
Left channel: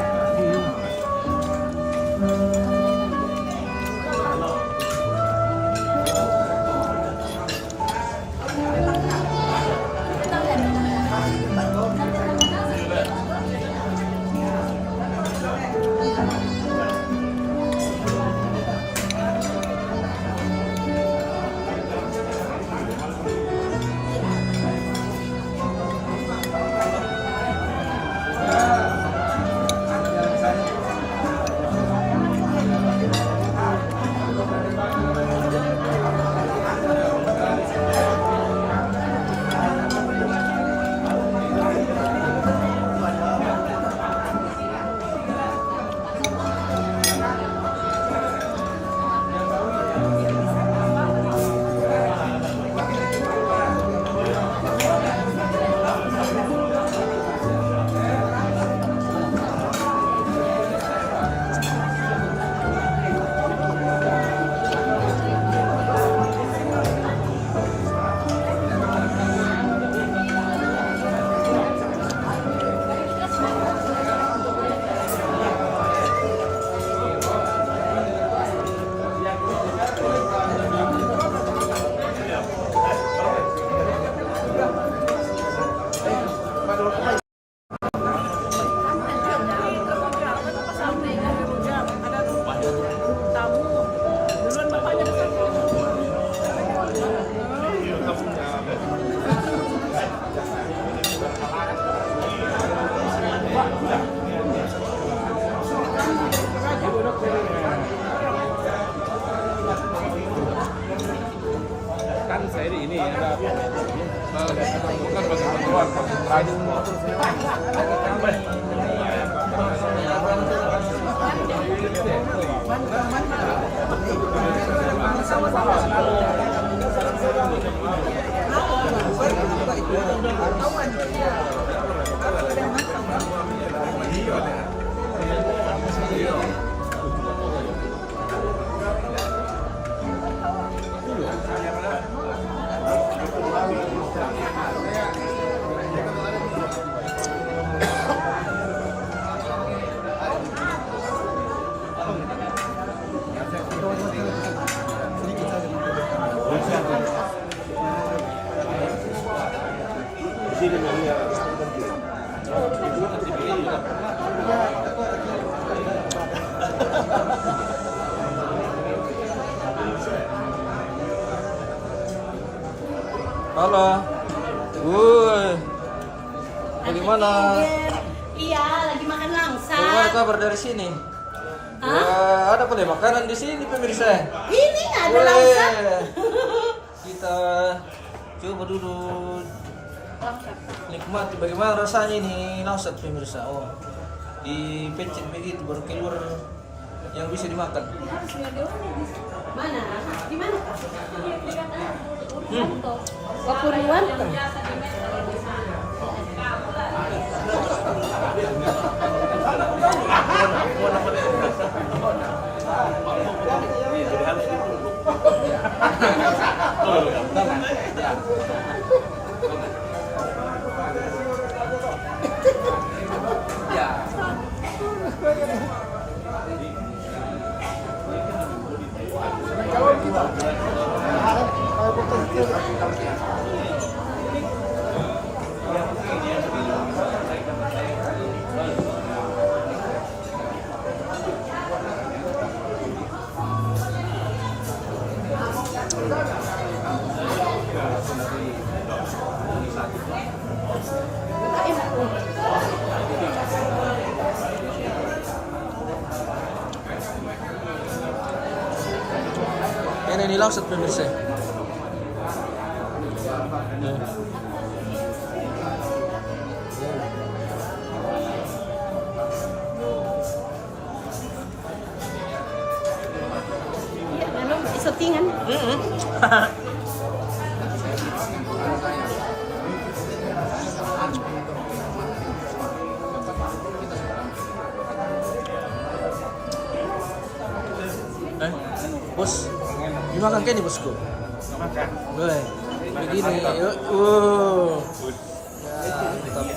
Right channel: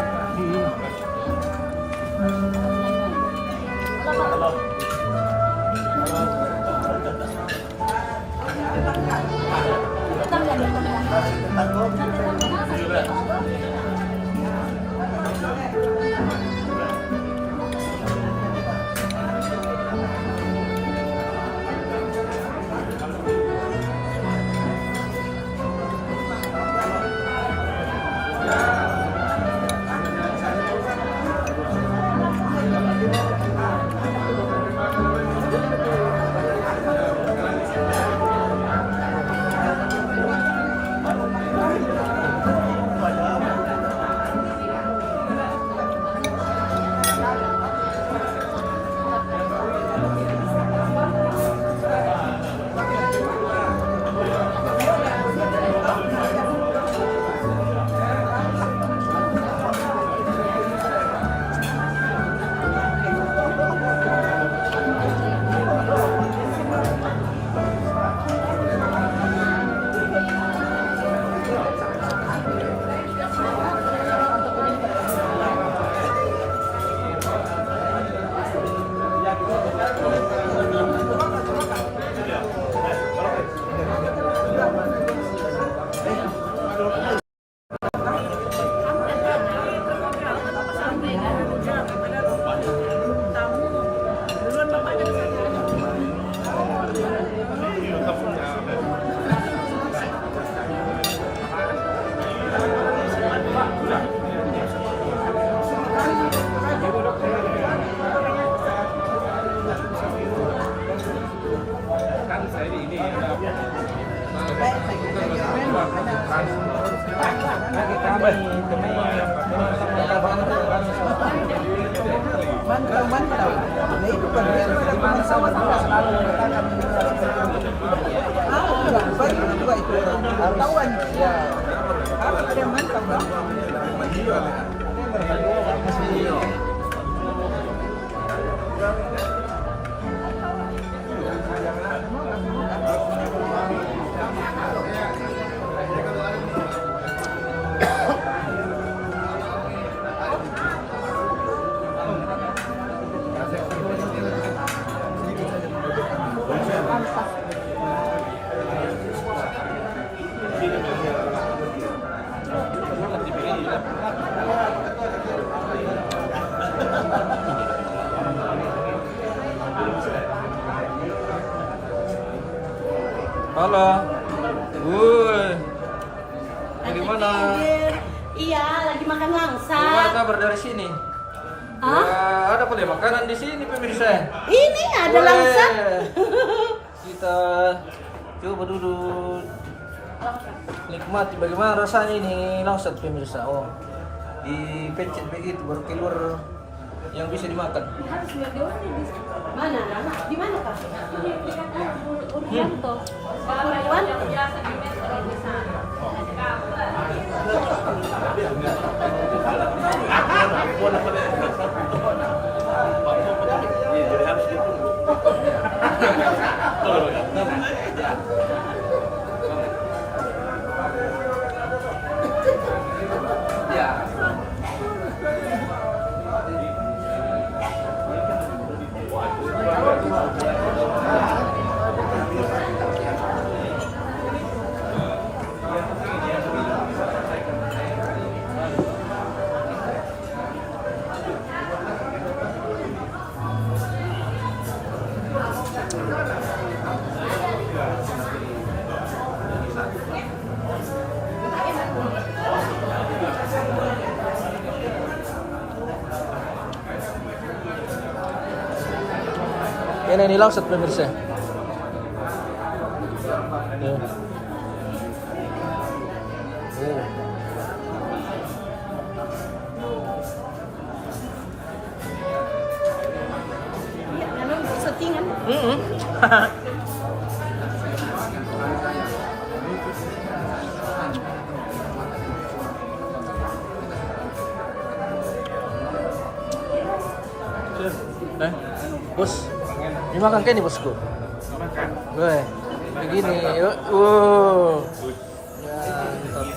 Kan saya ini bukan bagi keluar bagi transport. Halo. Wuih. Bagaimana? Iya, lagi makan langsa. Bagaimana kabar dari sini? Hah? Wah, ada boleh makanan di sini pemirsa. Ini ada Boleh. langsa. Kita coba dulu nikmati bagaimana rasanya ini langsat pemirsa. Oh, dipencet begitu baru keluar yang bisa dimakan. Mana? Di mana, Pak? Kekurian? Ya. Ini langsat pemirsa. Ya. Oh. Lalu settingan. Bos, ini makan kan nih bosku? Makan. Weh, begini. Ya, mantap.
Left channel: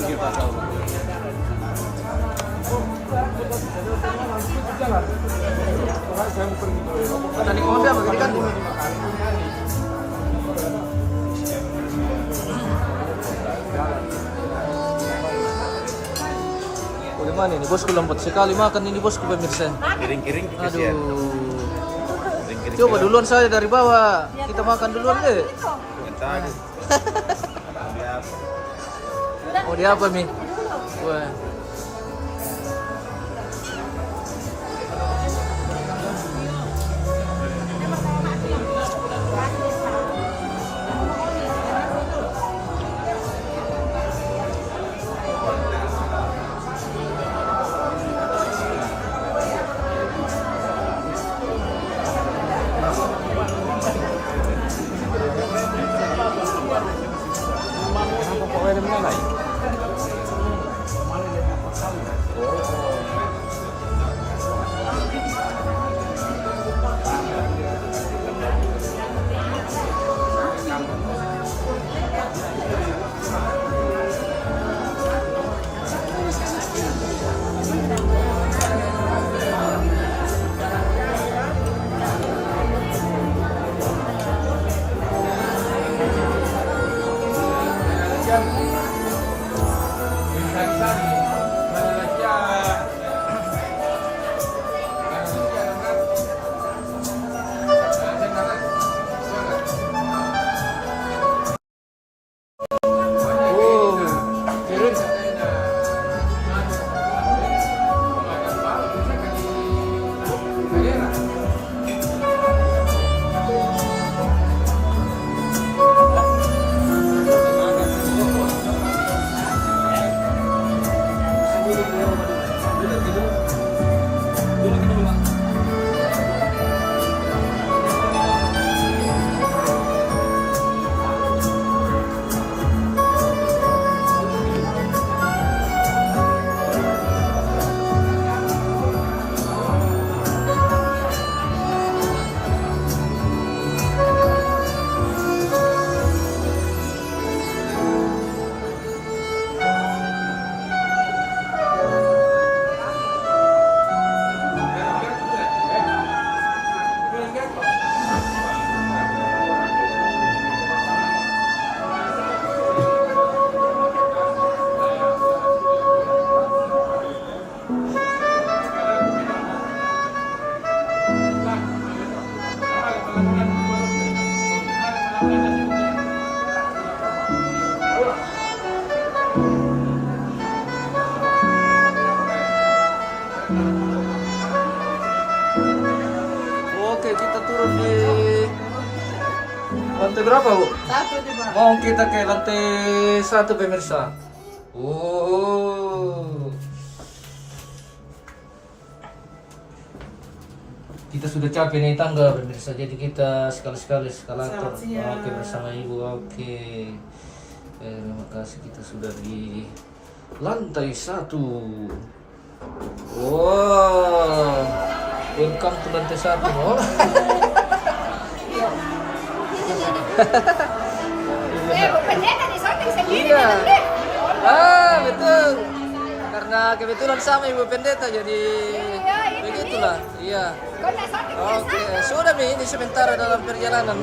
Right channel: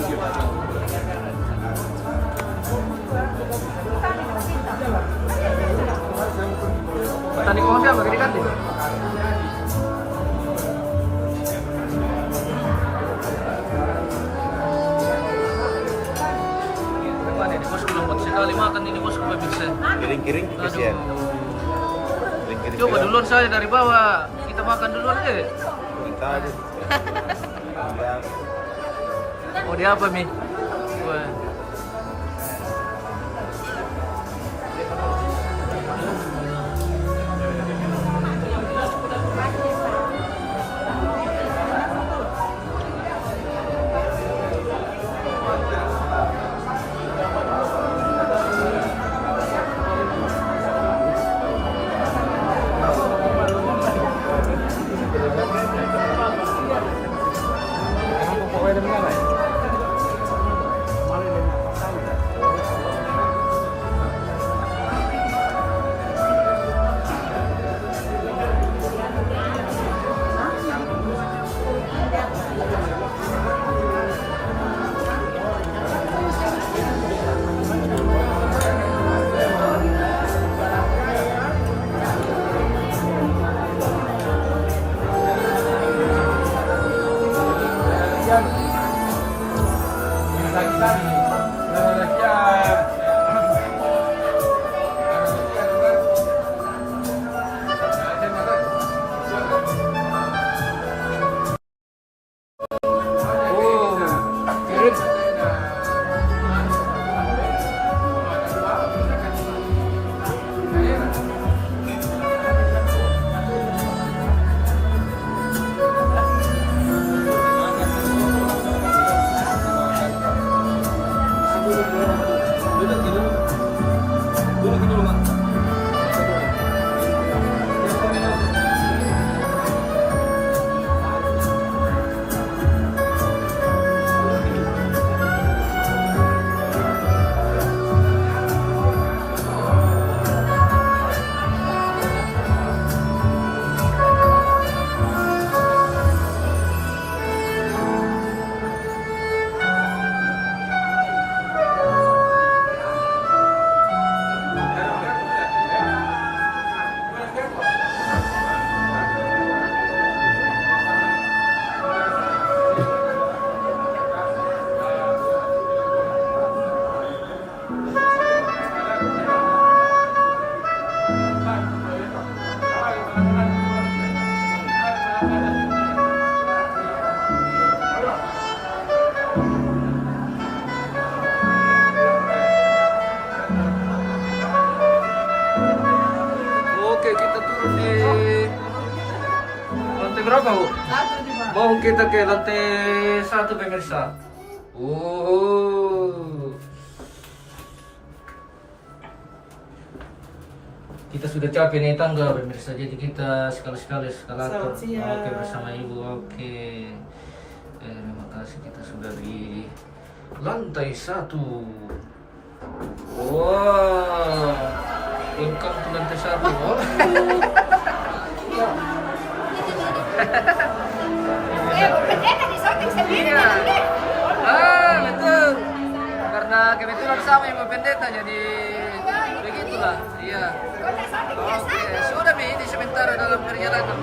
Petani kau siapa gini kan? Gimana ini bosku, lembut sekali makan ini bosku pemirsa. Kiring-kiring kasihan. Aduh. Coba duluan saya dari bawah. Kita makan duluan deh. Bentar aja. Oh dia apa nih? Wah. Oke, kita turun di lantai berapa, Bu? Mau kita ke lantai 1 pemirsa. Kita sudah capek nih tangga pemirsa, jadi kita sekali-sekali eskalator. Oke, bersama Ibu. Oke. Terima kasih, kita sudah di lantai 1. Wow. Welcome to lantai 1. Oh. Pendeta di sorting sendiri Iya. dalam lift. Betul. Karena kebetulan sama Ibu Pendeta, jadi begitulah. Iya. Kau nak sorting Oke, sudah Mi, ini sementara dalam perjalanan.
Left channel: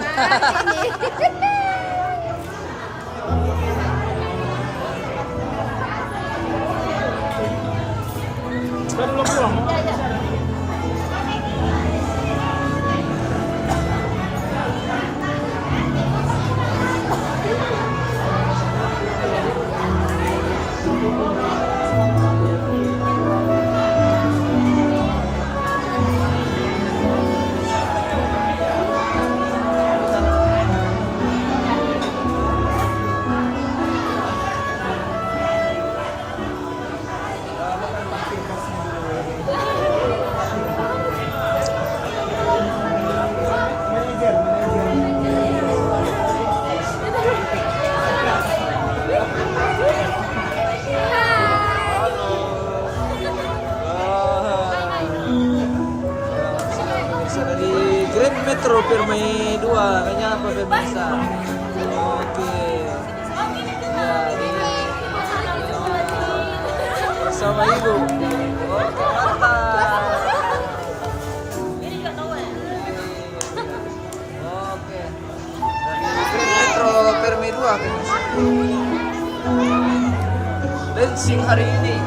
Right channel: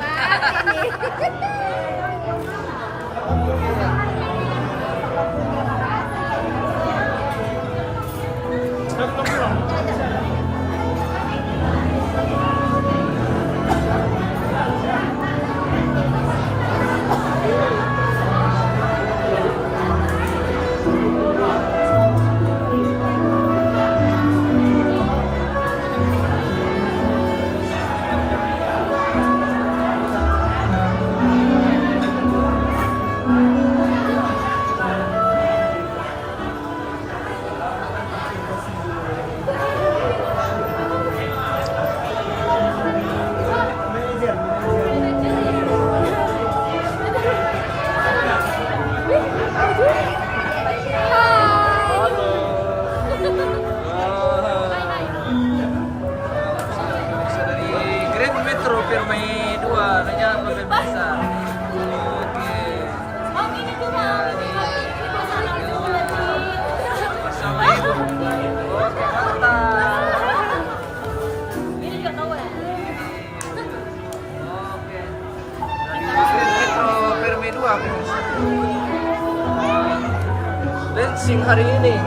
Metro Permai 2 menyapa pemirsa. Oke. Ya, ini. Dancing hari ini.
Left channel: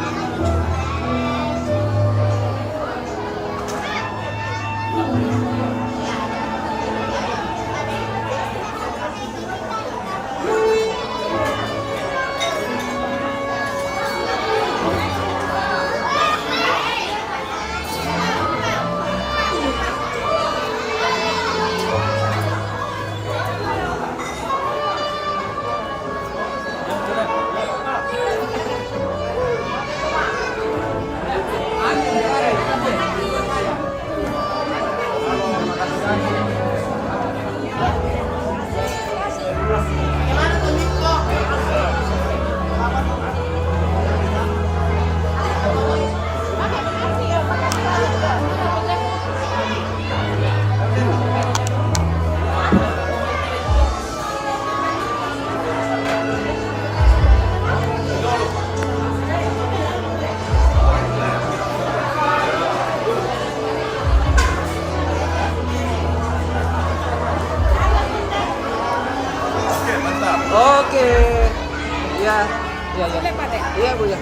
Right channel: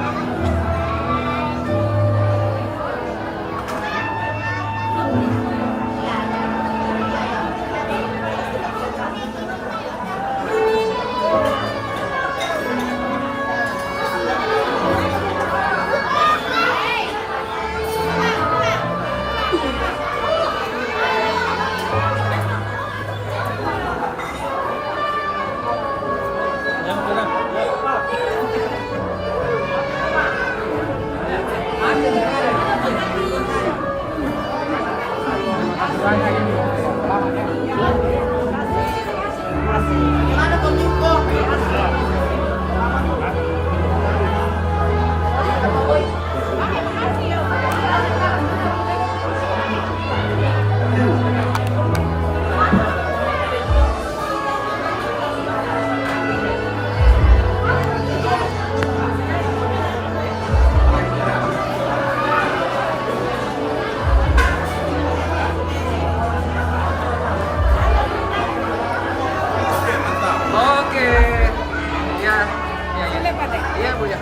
Oke. Ya. Ya, ya. Iya, Bu ya.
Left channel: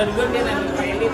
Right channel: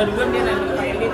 Duluan dia nanya Pak Elit.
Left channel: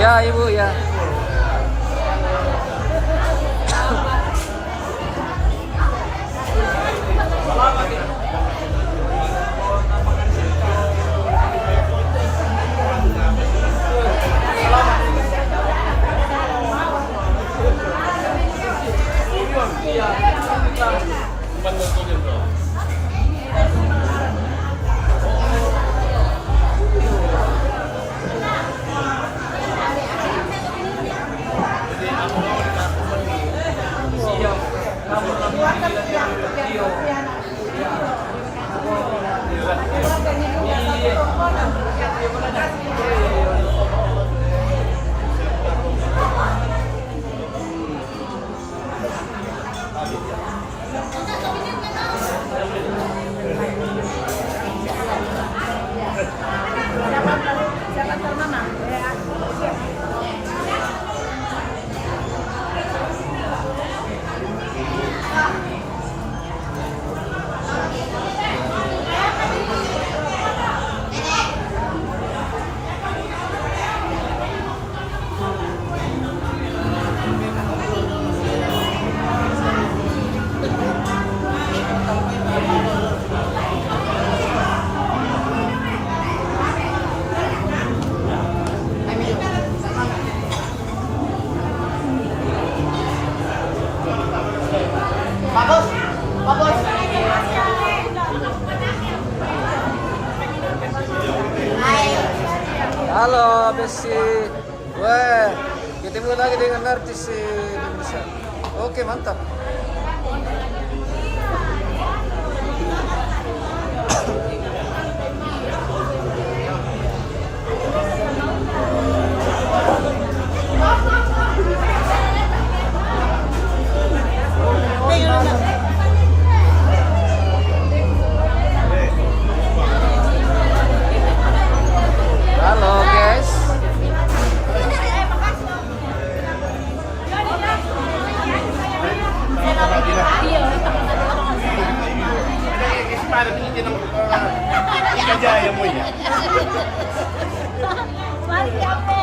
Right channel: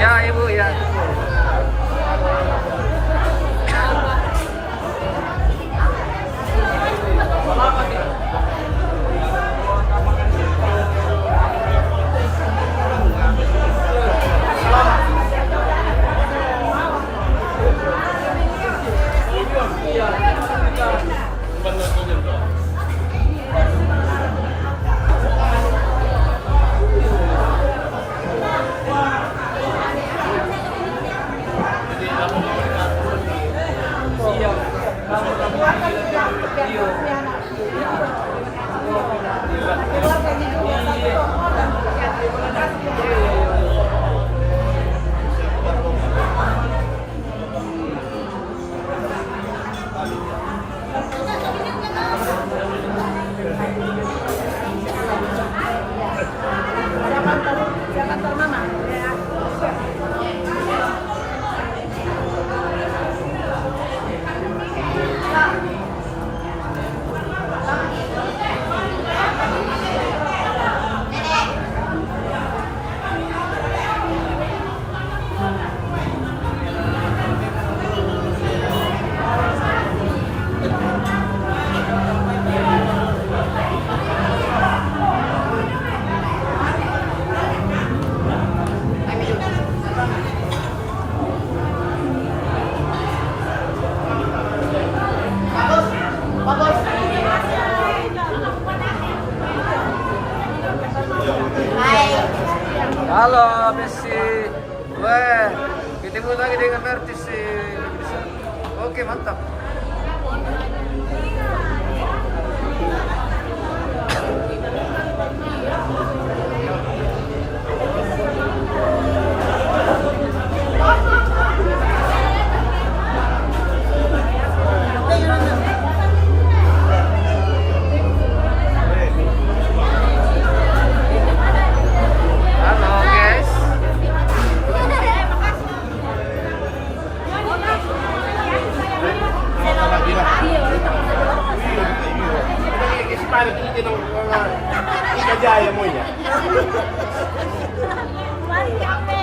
Ya Ibu ya. Siapa antar mama? Ya. Halo, Besi. Weh, ketemu lagi dengan artis Indonesia. Oke, mantap. Halo, guys. Ikajaya mo yan. Mari ape.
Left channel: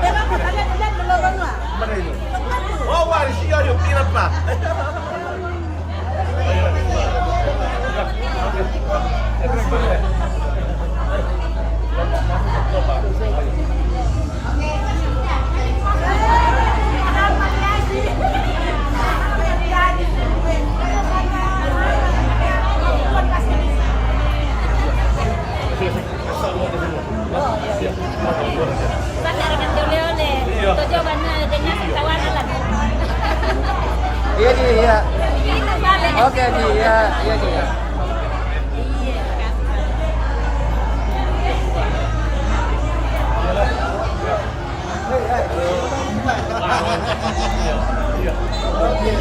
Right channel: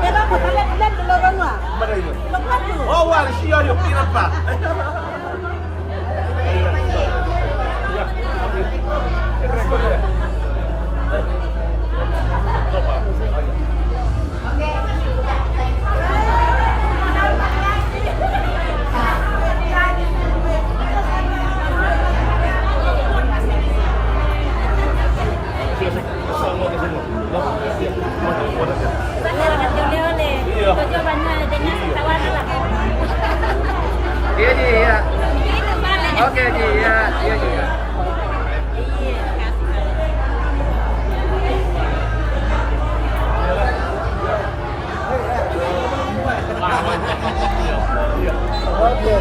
Pero ko talag dulurong wa. Oh, waris siya yung pinap pa. Iya, Ji, iya. Oke, Ji, iya, iya, Ji. Oke.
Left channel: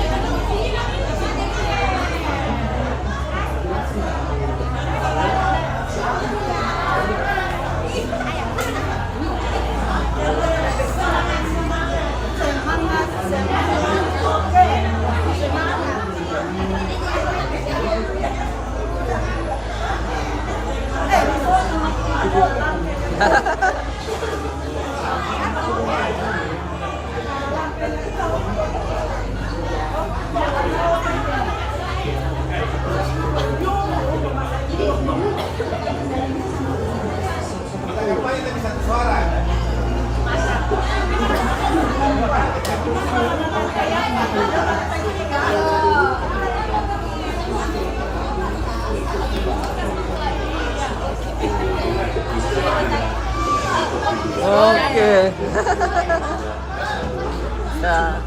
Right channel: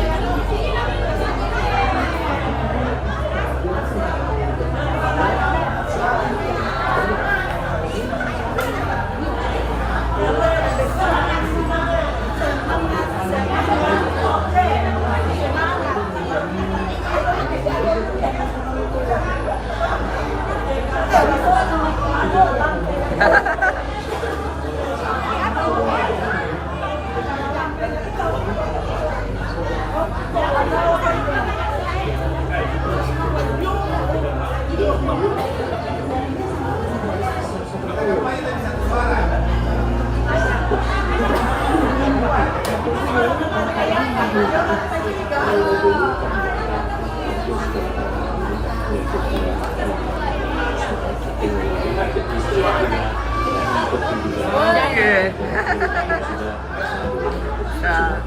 Ya.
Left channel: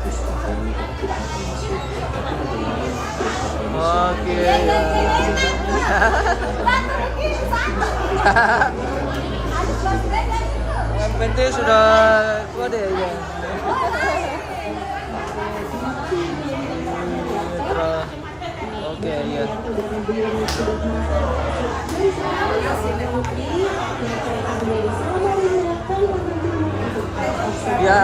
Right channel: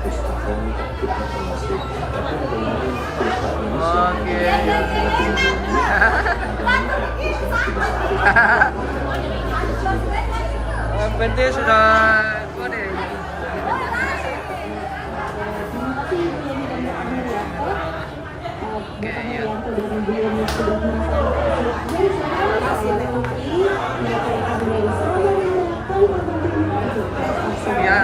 Oke ya. Yang penting sudah kode ya. Oke ya. Ya.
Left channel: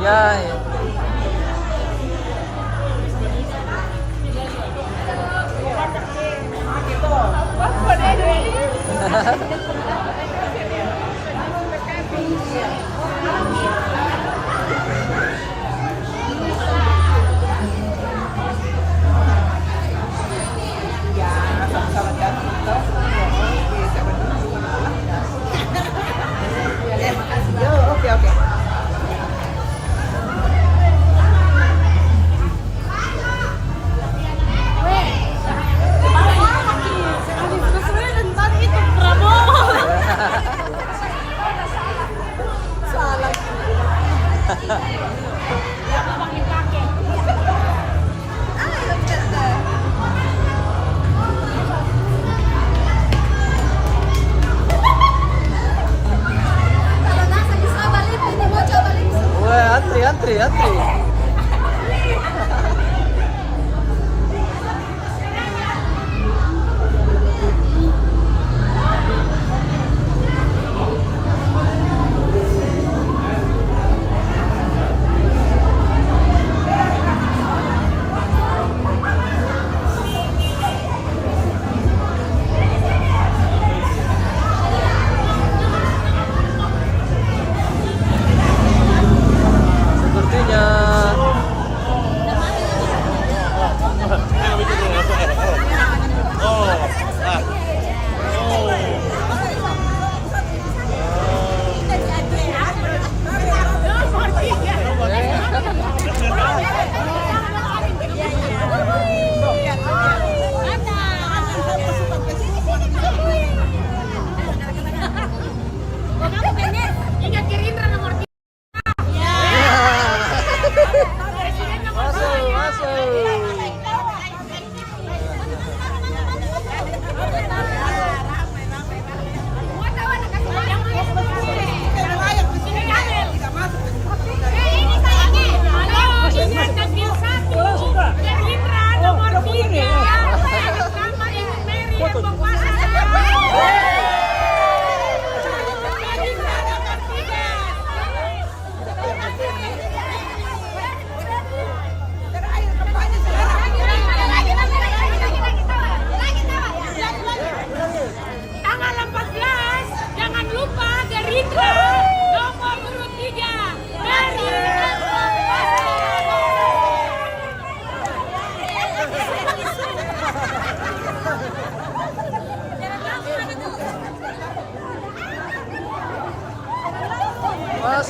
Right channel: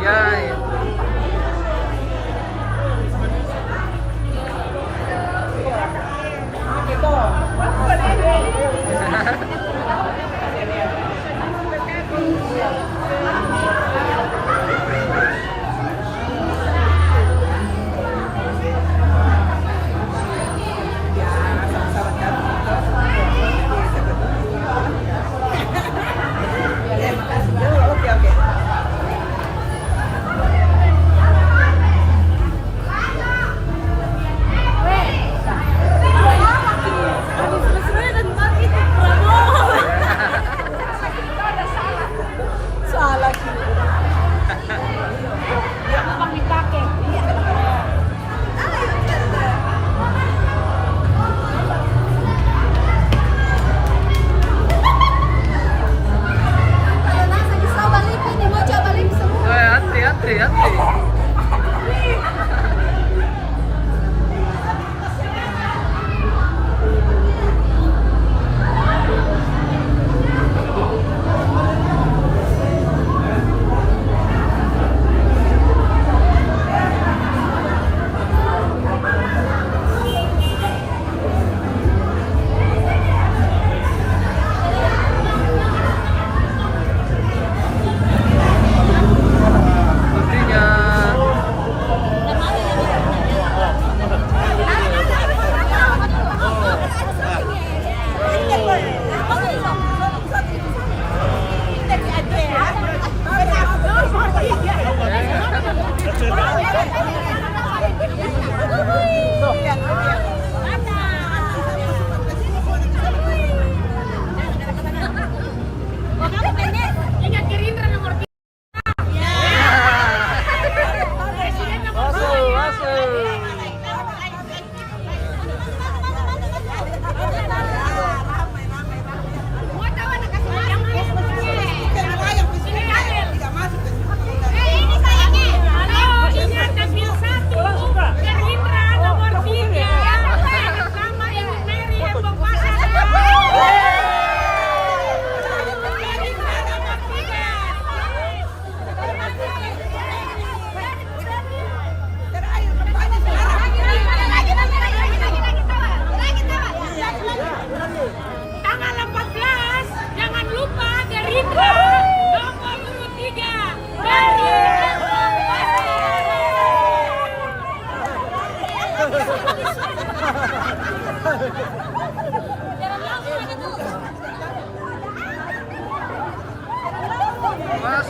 Ya, ya. Antri.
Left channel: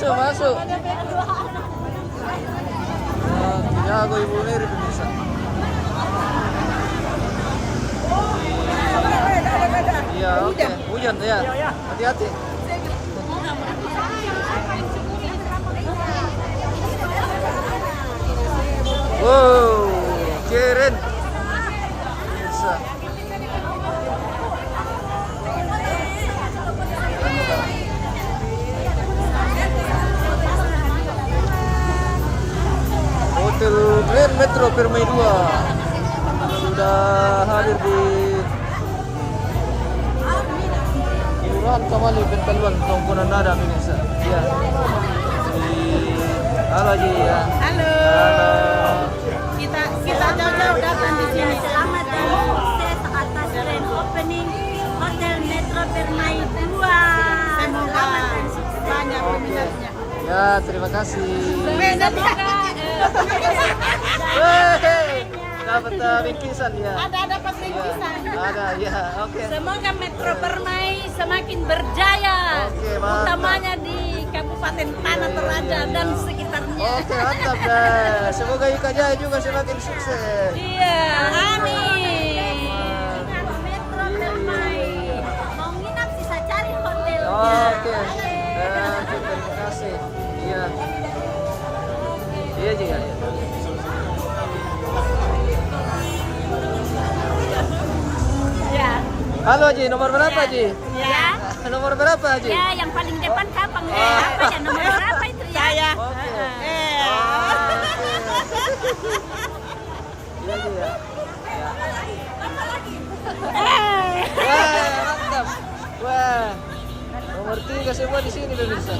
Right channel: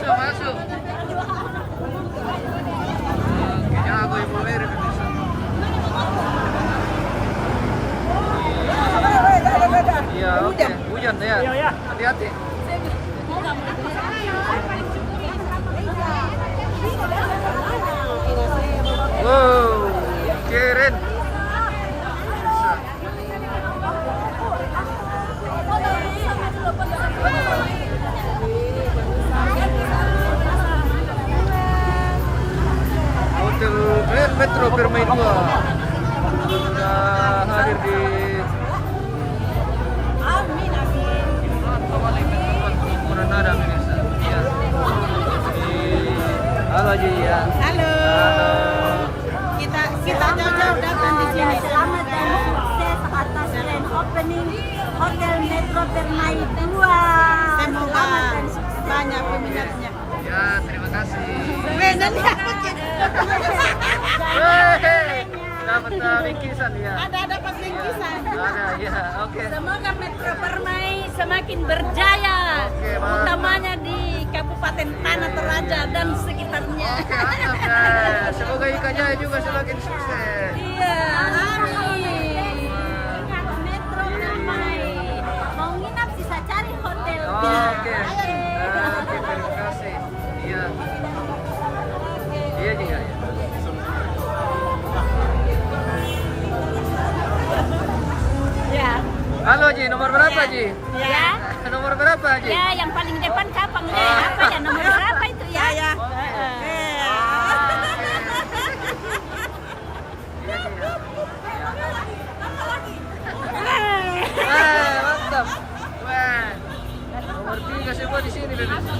Masuk. Ya, aku ibu Mary bisa. Iya, oke. Hujan ya. Hati-hati. Wow, keren. Bisa. Hotel Grand Metro Permai 2 sudah hadir di Komponen Nada pemirsa. Iya. Halo Ji ya. Halo. Kita kita jauh-jauh datang di sini. Selamat dan sukses atas grand opening Hotel Metro Permai 2. Semoga banyak peminatnya. Ya, terima kasih. Dapat bingkisan ya. Ada dapat bingkisan. Ada ya, oke. Semoga Metro Permai semakin berjaya, Oke, mantap. utamanya di Kabupaten Tanah Toraja dan sekitarnya. Oke, mantap ya. Semoga Ika Jaya juga semakin sukses. Iya, amin. Ingat Metro Permai. Mau nginap bisa cari hotelnya. Oke. Oke, terima kasih. Iya. Iya juga ya. Ya. Halo Ji, nomor berapa Ji? Ya. Nomor berapa Ji? Ya, yang paling depan kapan apa ya nomor berapa itu ya? Saya. Oke. Iya Ji ya. Wah, mantap. Wah. Nomor 3 semua di sini pemirsa.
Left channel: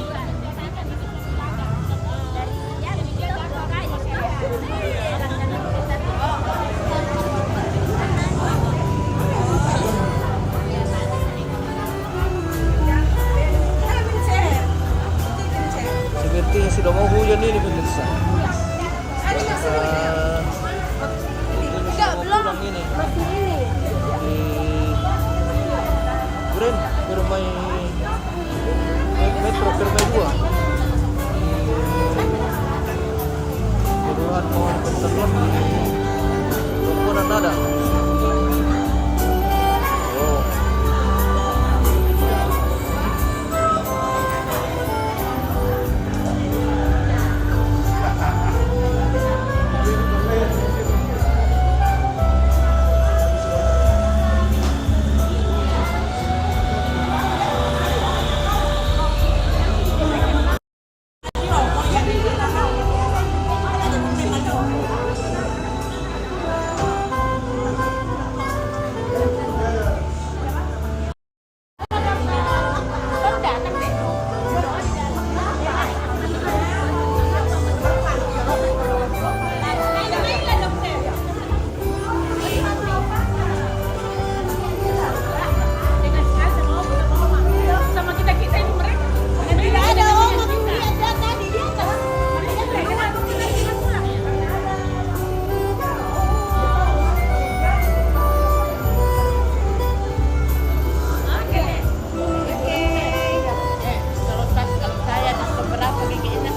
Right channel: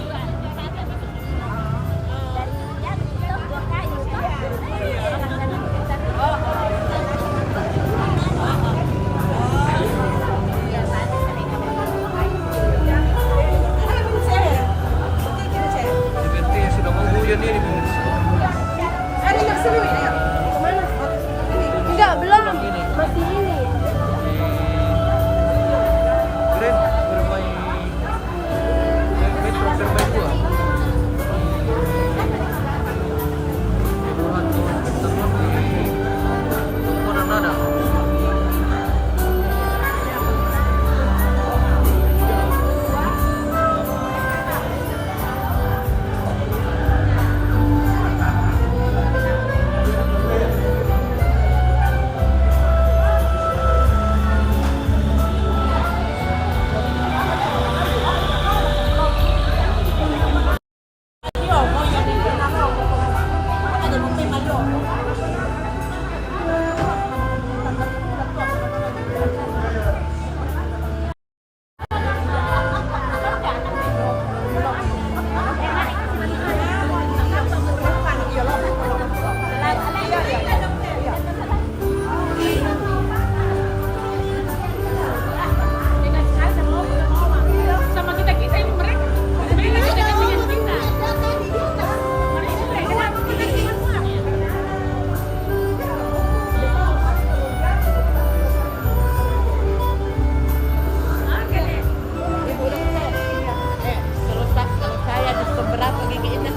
Sepertinya sudah mau hujan ini pemirsa. Sudah pulang ini. Grand Permai Metro Permai 2. Kelurahan Pohon Ketentuan. Rombongan ada. Oh. Sama kita ini mereka. Mereka dekat dengan kita. Mereka kenapa penerbangan pulang ya? Oke. Kalau saya diskon berapa giginya?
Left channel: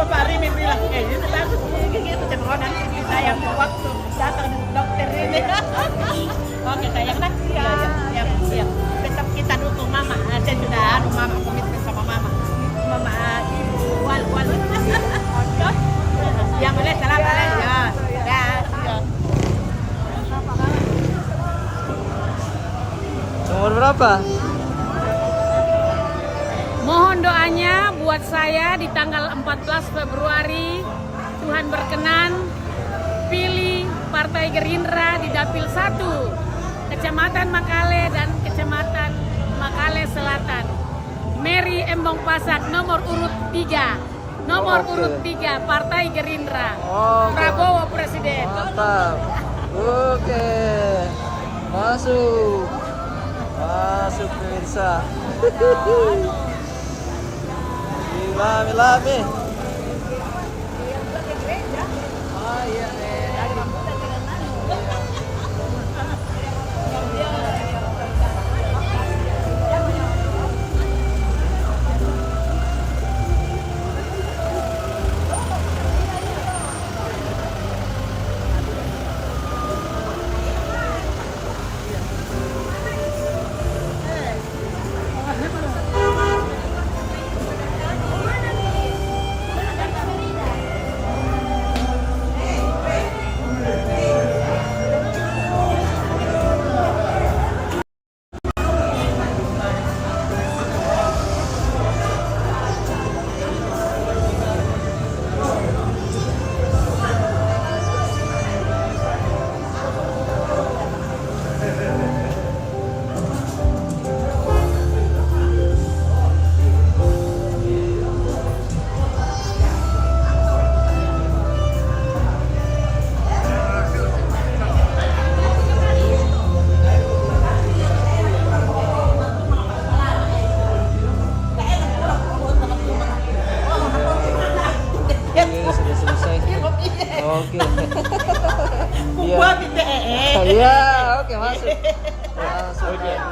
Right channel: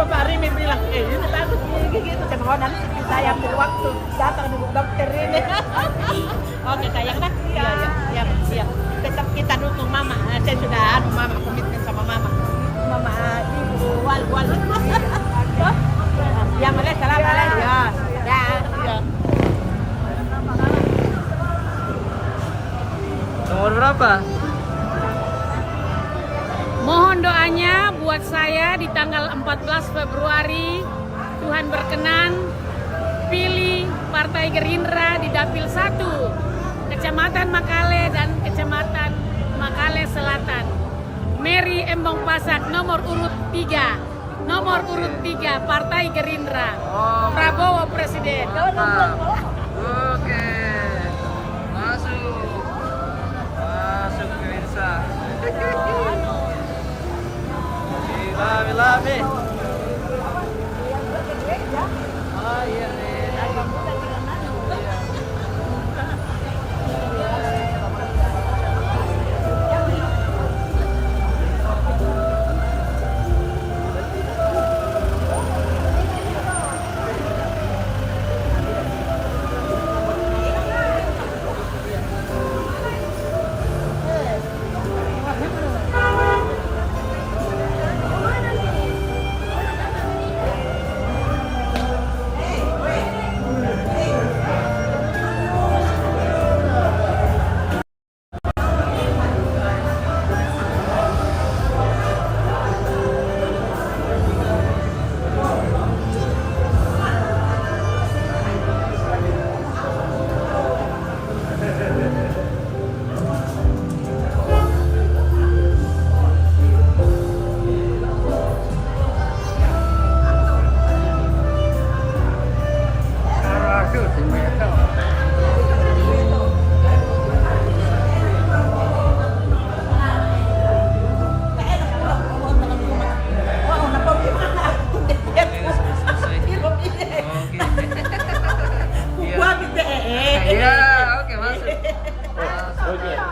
Bapak Rimi bilang, ini bagus gigi itu cuma nanti saya ambil waktu datang di dokter ini. Oke sayang nak, iya. Tetap kita dukung mama. Saya sudah mama komitmen sama mama ibu wal. Ya malay salam malay ya. Nomor berapa? Mohon doanya buat saya di tanggal 14 Februari. Tuhan berkenan pilih Partai Gerindra di Dapil 1 Kecamatan Makale dan Kecamatan Makale Selatan. Mary Embong Pasak nomor urut 3. Nomor urut 3 Partai Gerindra. Oke. Prabowo Presiden. Mantap. Oke. Masuk pemirsa. Lami. Ah iya nih.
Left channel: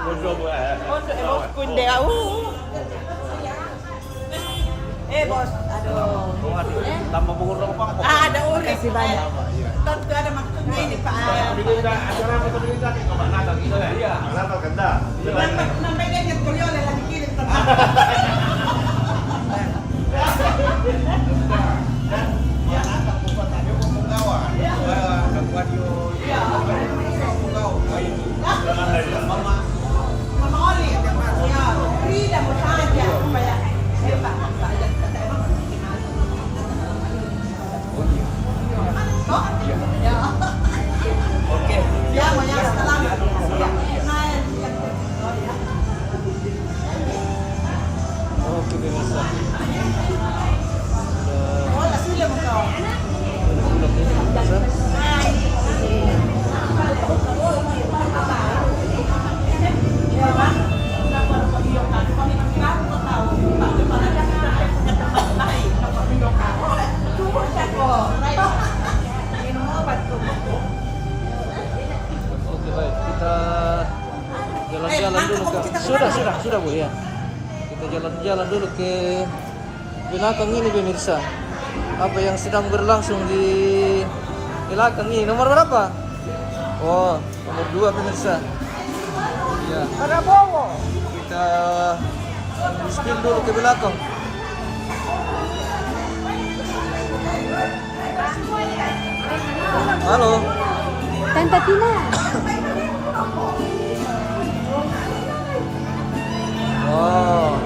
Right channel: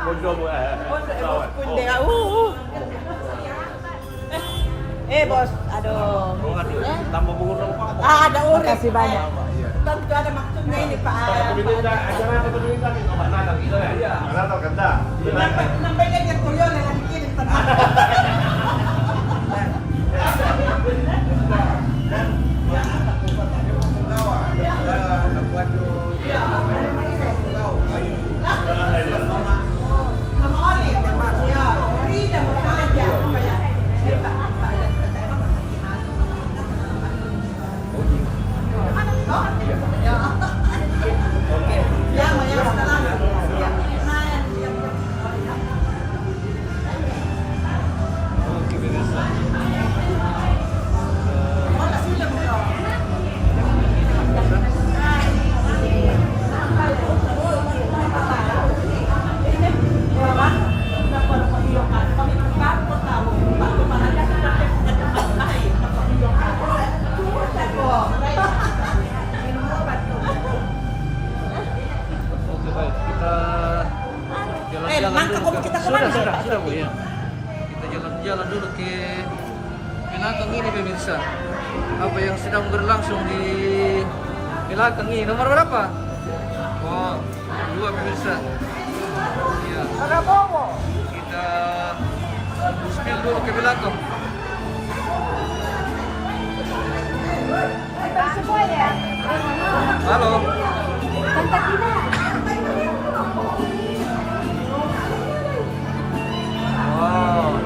Pondok Bos kunde. Bos, aduh. Oh, aduh, tambah mengurung apa? Ada urip. Kasih banyak. Tentu ada maksudnya ini Pak. Acara apa tuh kita kayak Mbak Natal gitu ya? Iya. Mbak Natal kanda. Nambahnya ke kuliah lagi kirim tenang. Mama Oli, ya, tidak mau saja supaya Oke, pemirsa. Oke, baik, kita jalan-jalan dulu ke sudah Bu ya. Kita jalan-jalan dulu ke belakang ini pemirsa. Apa yang sedang berlangsung di belakang ini? Nomor berapa? Oh, nomor 2 pemirsa. Ya. Kita spill dulu ke belakang. Halo. Wow.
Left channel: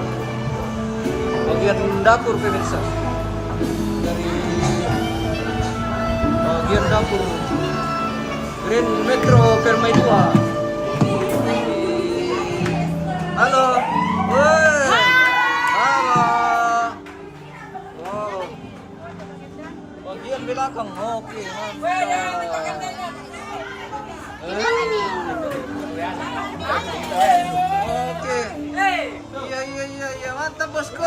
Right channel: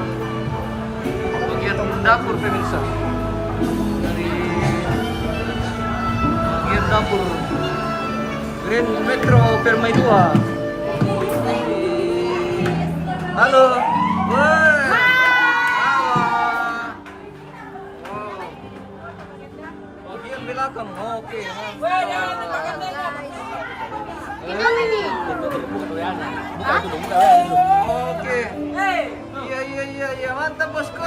Bagian dapur pemirsa. Dari bagian dapur Grand Metro Permai 2. Halo. Woi. Halo. Wow. Bagian belakang. Oke, mantap. Oke. Iya, mantap bosku.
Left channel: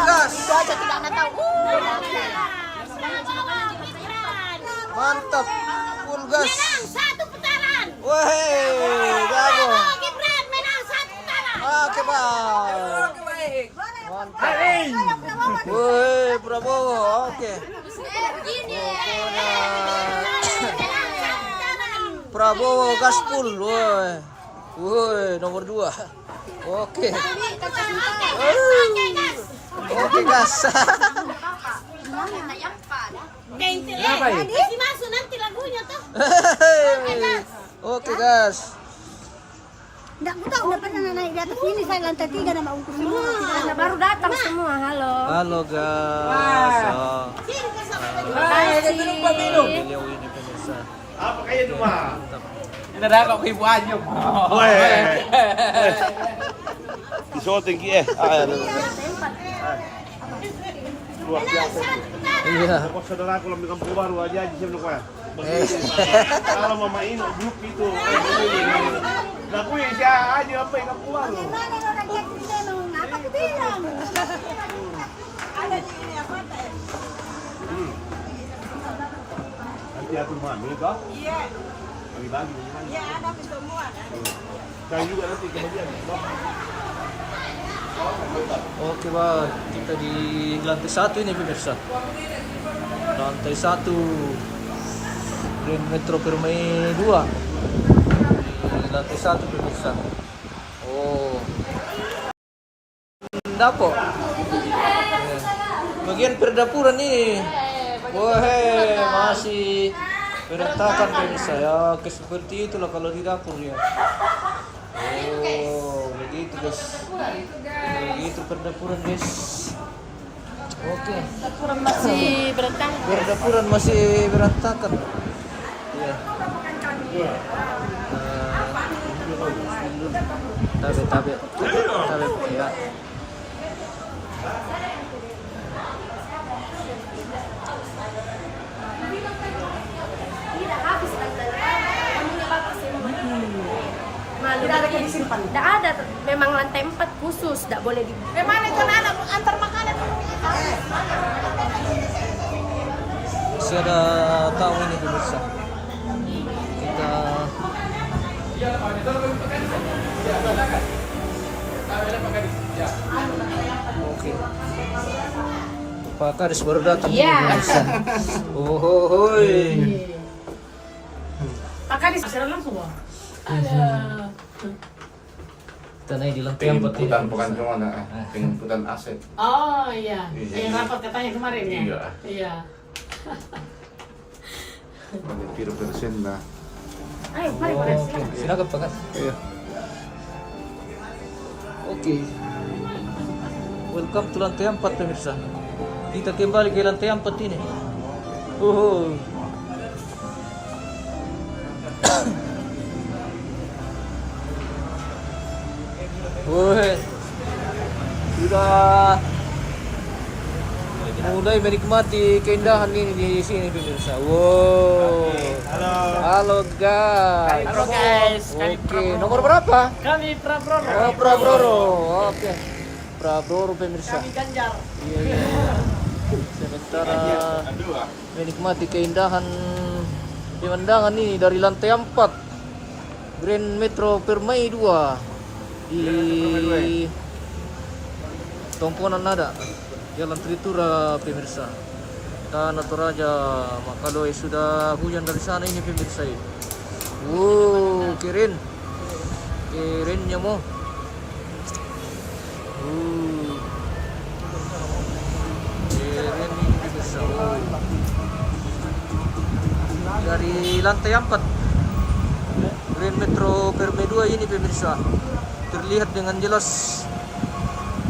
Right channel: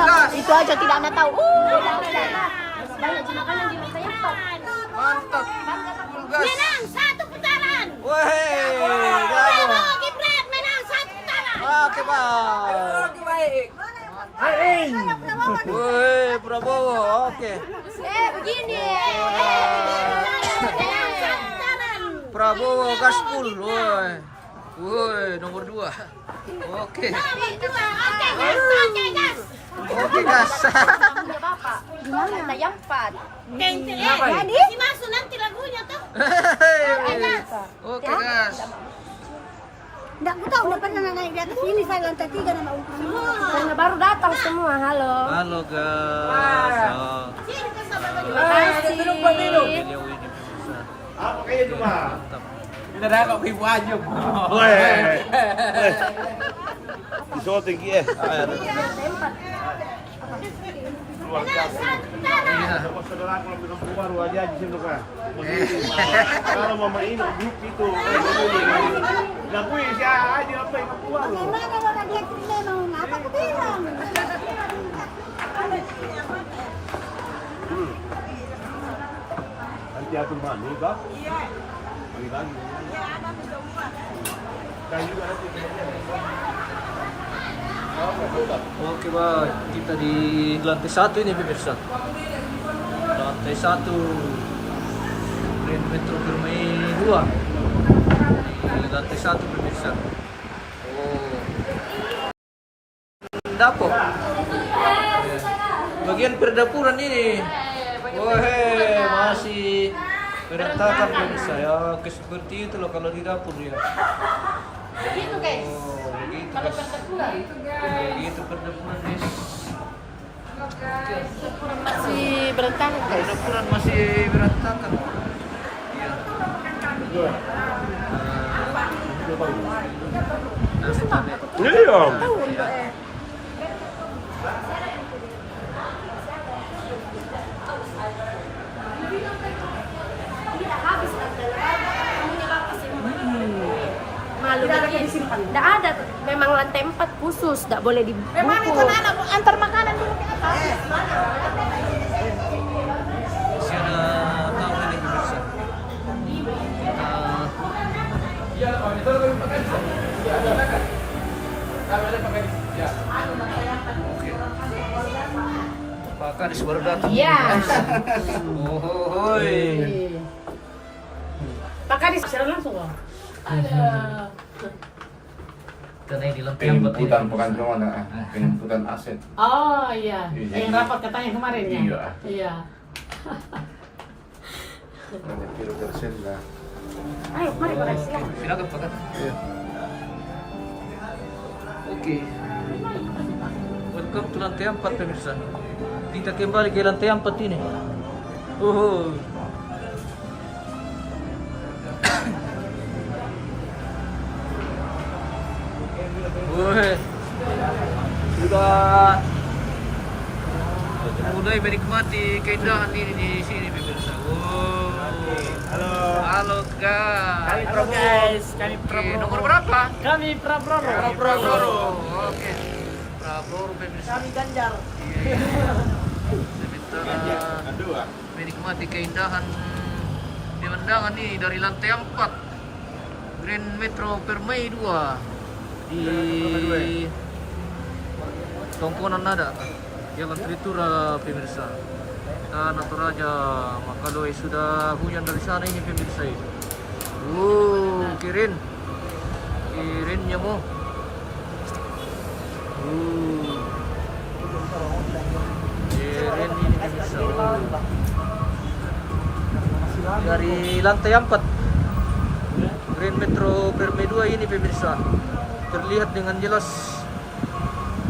Gas. Itu aja tidak anda tahu. Mantap. Full gas. Menang 1 putaran. Weh, jago. Gibran menang 1 putaran. Oke, baik. Weh, Prabowo. Oke. Prabowo gaspul. Woi, nomor 2. Oke. Oke, gas. Kasih masuk nanti lagunya tuh. Oke, gas. Nggak, aku tahu udah pernah naik di atas ini, saya lantai 3 nama untuk semua. Karena baru datang semua, halo. Halo, gas. Oh. Terima kasih. Beliau ini pemirsa. Apa kayak itu mah? Mantap. Ini ada kok ibu Anyum. Weh. Disoting ki Iya. Saudara kalau di kampung baru aja sih kan. Kalau mama ini grup itu nah gue aja apa yang kampung baru. Mana orang dia memang apa aku bilang? Nanti atur mami kah? Iya. Bagi-bagi. Iya, ada semua. Dan juga nanti kemudian. Oke, baik. Kita di lantai 1 ini pemirsa. Lantai 1 Grand Metro Permai 2. Di lantai 1 pemirsa. Oh. Dapur. Bagian perdapuran ini. Wah, masih berantakan pemirsa ya. Seperti itulah kalau di dapur ya. Oh, begitu guys. Begitu perdapuran guys. Oke. Masih berantakan. Perdapuran masih berantakan. Iya. Tabe. Iya. Ya. Habis kamunya bagus sih. Malu Tidak ada yang disimpan. Tidak ada, memang lantai 4 khusus, tidak boleh di. Mana itu anak antar makanan dulu. Masih ada tamu ini pemirsa. Kita Oke. Pak Kadis baru datang. Iya. Oh, Pak Kadis siaran langsung loh. karena di lantai 4 Penjemputan bukan cuma penjemputan aset. Oh iya. Yang rapat katanya kemarin ya. Iya. Iya. Nanti kira persen lah. Ayo, mari Pak Kadis, silakan. Silakan Pak Kadis. Iya. Oke. Welcome to lantai 4 pemirsa. Kita kembali ke lantai 4 ini. Oh. Woi. Sudah mulai menikmati keindahan ini di sini pemirsa. Wow. Halo guys. Halo guys, kami Oke, Prabowo. nomor berapa? Kami Prabowo. Prabowo. Oke. Prabowo pemirsa. Kami Ganjar. Iya, iya. Sementara menikmati keindahan pemandangan ini dari lantai 4 Grand Metro Permai 2 di Tongkonan Nada, Jalan Tritura pemirsa. Tanah Toraja, Makaloy sudah hujan dari sana ini pemirsa. Keren. Kerennya mo. Keren ini pemirsa. Dari lantai 4 Grand Metro Permai 2 ini pemirsa, terlihat dengan jelas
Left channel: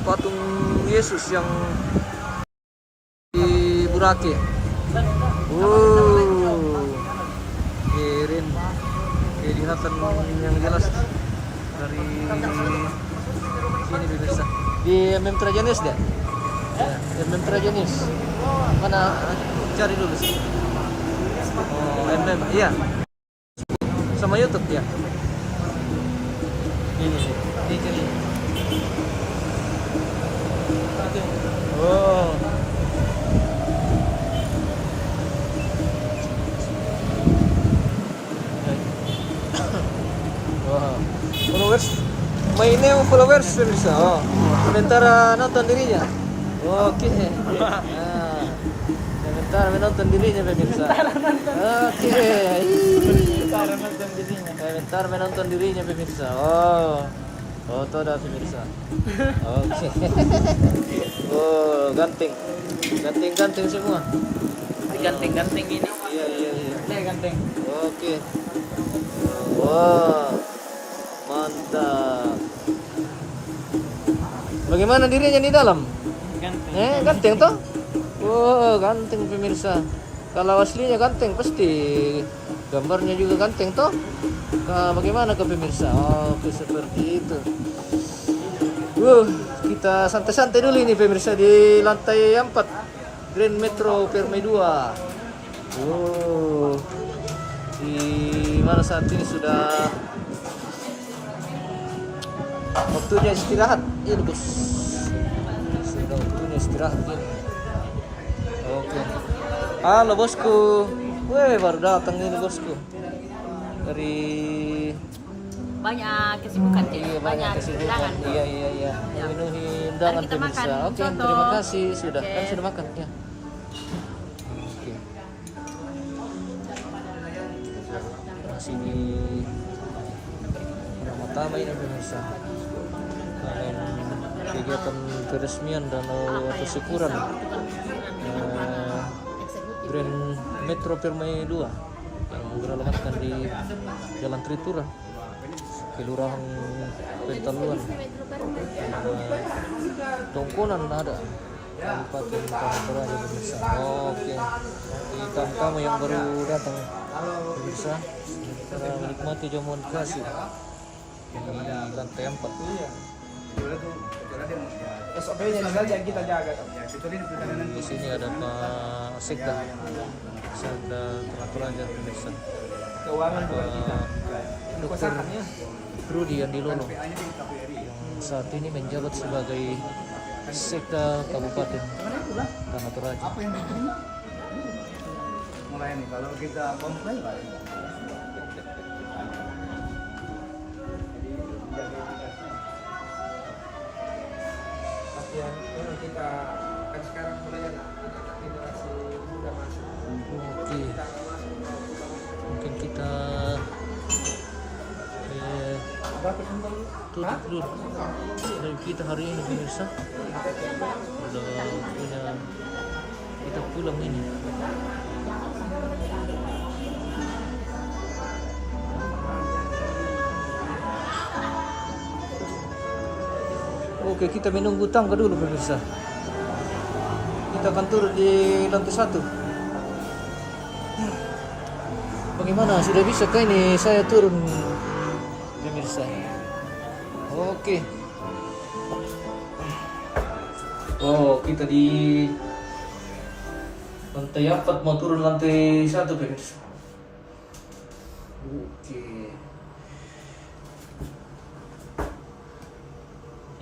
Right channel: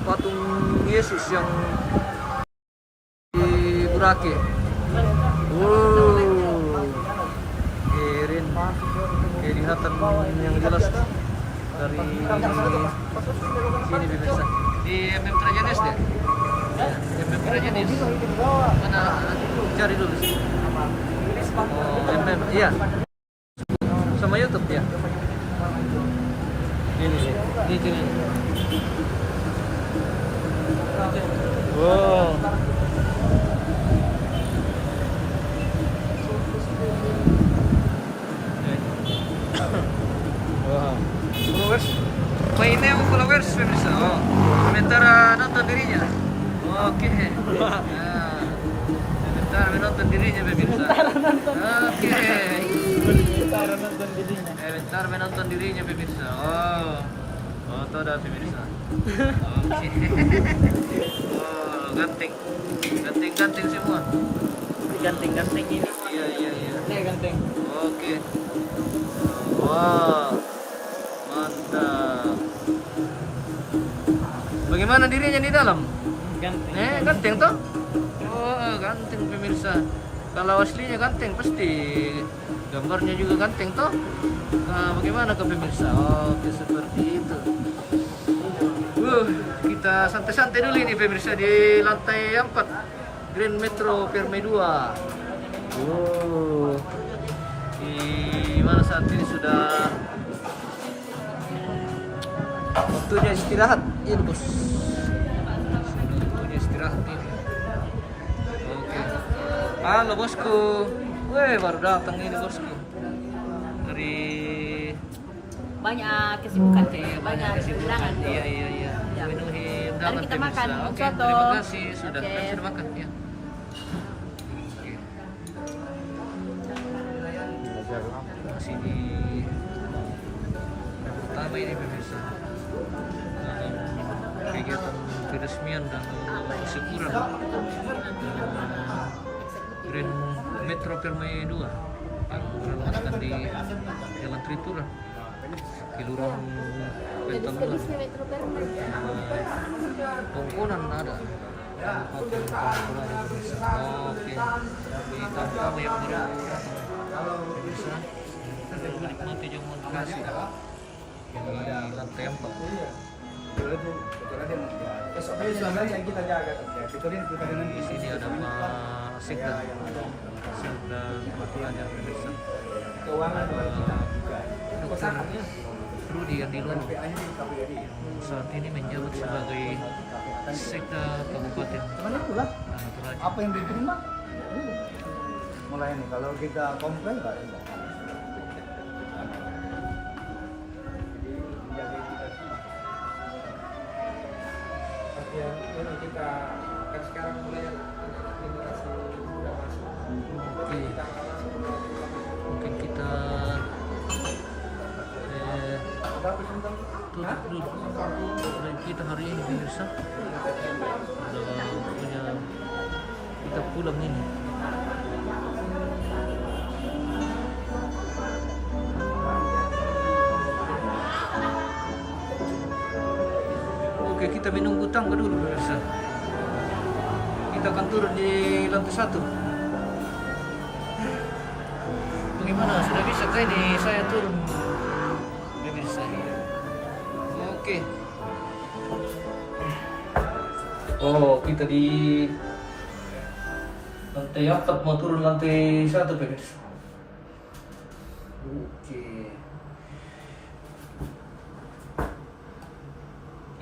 patung Yesus yang di Burake. Keren. Kelihatan yang jelas dari sini pemirsa. Di MM Trajanis deh. Ya, MM Trajanis. Mana cari dulu sih. Oh, MM, iya. Sama YouTube ya. Ini cari. Oh. Wow. Followers. Mainnya followers pemirsa. Oh. Sementara nonton dirinya. Oke. Nah. Sementara menonton dirinya pemirsa. Oke. Sementara menonton dirinya. Sementara menonton dirinya pemirsa. Oh. Oh, itu ada pemirsa. Oke. Oh, ganting. Ganting semua. Ganting ini. Iya. Ini ganting. Oke. Wah. Mantap. Bagaimana dirinya di dalam? Ganting. Ganting toh? Oh, ganting pemirsa. Kalau aslinya ganting pasti gambarnya juga ganting toh? Bagaimana ke pemirsa? Oke, seperti itu. Kita santai-santai dulu ini pemirsa di lantai 4 Grand Metro Permai 2. Di mana saat ini sudah waktunya istirahat ini bos. Sudah waktunya istirahat ini. Oke. Halo bosku. Baru datang ini bosku. Dari Banyak kesibukan sih. Banyak kesibukan. undangan. Iya. Ya. Memenuhi Mari undangan kita makan pemirsa. Oke, soto. terima kasih sudah. Oke. Kan sudah makan ya. Oke. Masih di Ramatama ini pemirsa. Dalam kegiatan peresmian dan syukuran Grand Metro Permai 2 yang beralamatkan di Jalan Tritura, Kelurahan Pentaluan, Tongkonan ada Kabupaten Tanah Toraja pemirsa. Oke, bagi kamu yang baru datang pemirsa, menikmati jamuan kasih di lantai 4. Di sini ada Pak Sekda Tanah Toraja pemirsa. Dokter Rudi Andilolo yang saat ini menjabat sebagai Sekda Kabupaten Tanah Toraja. Apa yang diterima? Mulai nih kalau kita komplain nggak ada. Karena kita kan sekarang mulai anak-anak generasi muda masuk. Oke. Kita nggak masuk Mungkin kita tutup dulu live kita hari ini pemirsa. Udah punya kita pulang ini. Oke, kita menunggu tangga dulu pemirsa. Kita akan turun di lantai 1. Bagaimana? Sudah bisa kah ini saya turun pemirsa? Oke. Oh, kita di lantai 4 mau turun lantai 1 pemirsa. Oke.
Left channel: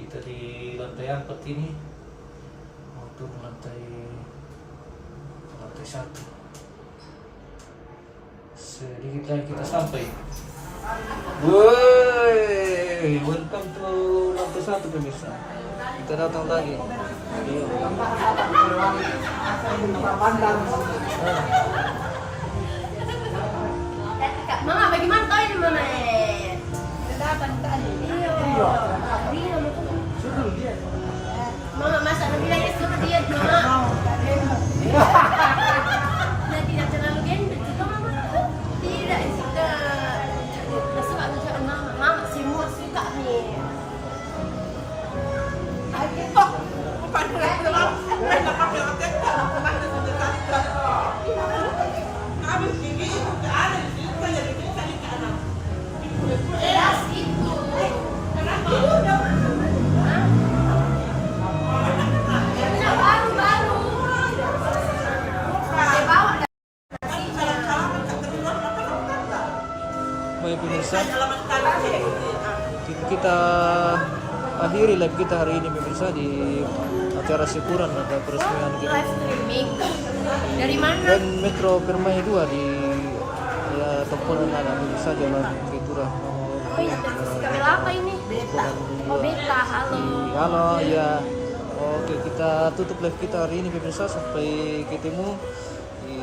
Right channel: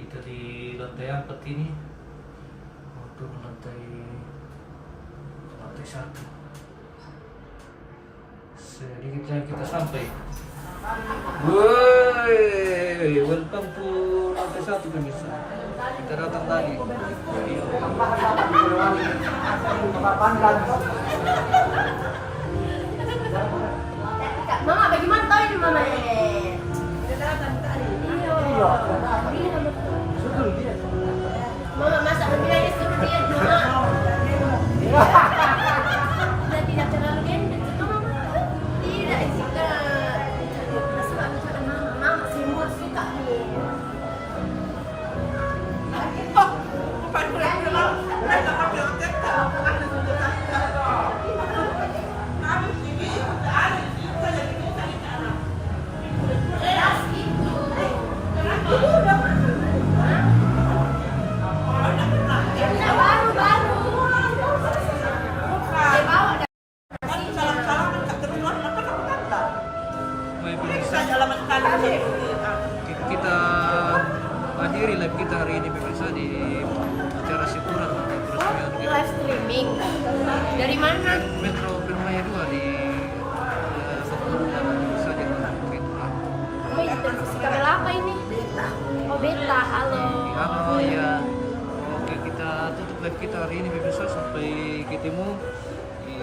Kita di lantai 4 ini mau turun lantai 1. Sedikit lagi kita sampai. Woi, welcome to lantai 1 pemirsa. Kita datang lagi. Mama, bagaimana tahu ini mana? Iya. Mama masak lebih lagi suruh diet mama. Nah, tidak terlalu gendut juga mama. Tidak, jika suka mama, mama semua suka nih. Baik pemirsa, kita akhiri live kita hari ini pemirsa di acara syukuran atau peresmian Live streaming. Dari mana? dan Metro Permai 2 di ya Tokonan pemirsa jalan Itulah. Apa ini? Televisi kabel apa ini? Oh, Beta. Halo. Halo ya. Oke, kita tutup live kita hari ini pemirsa, sampai ketemu di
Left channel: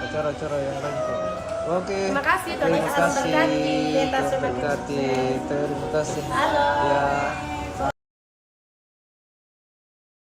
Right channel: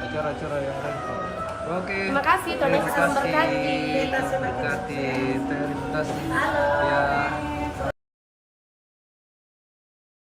acara-acara yang lain. Oke. Terima kasih, Tuhan Yesus memberkati. Terima kasih. Terima kasih. Halo. Ya.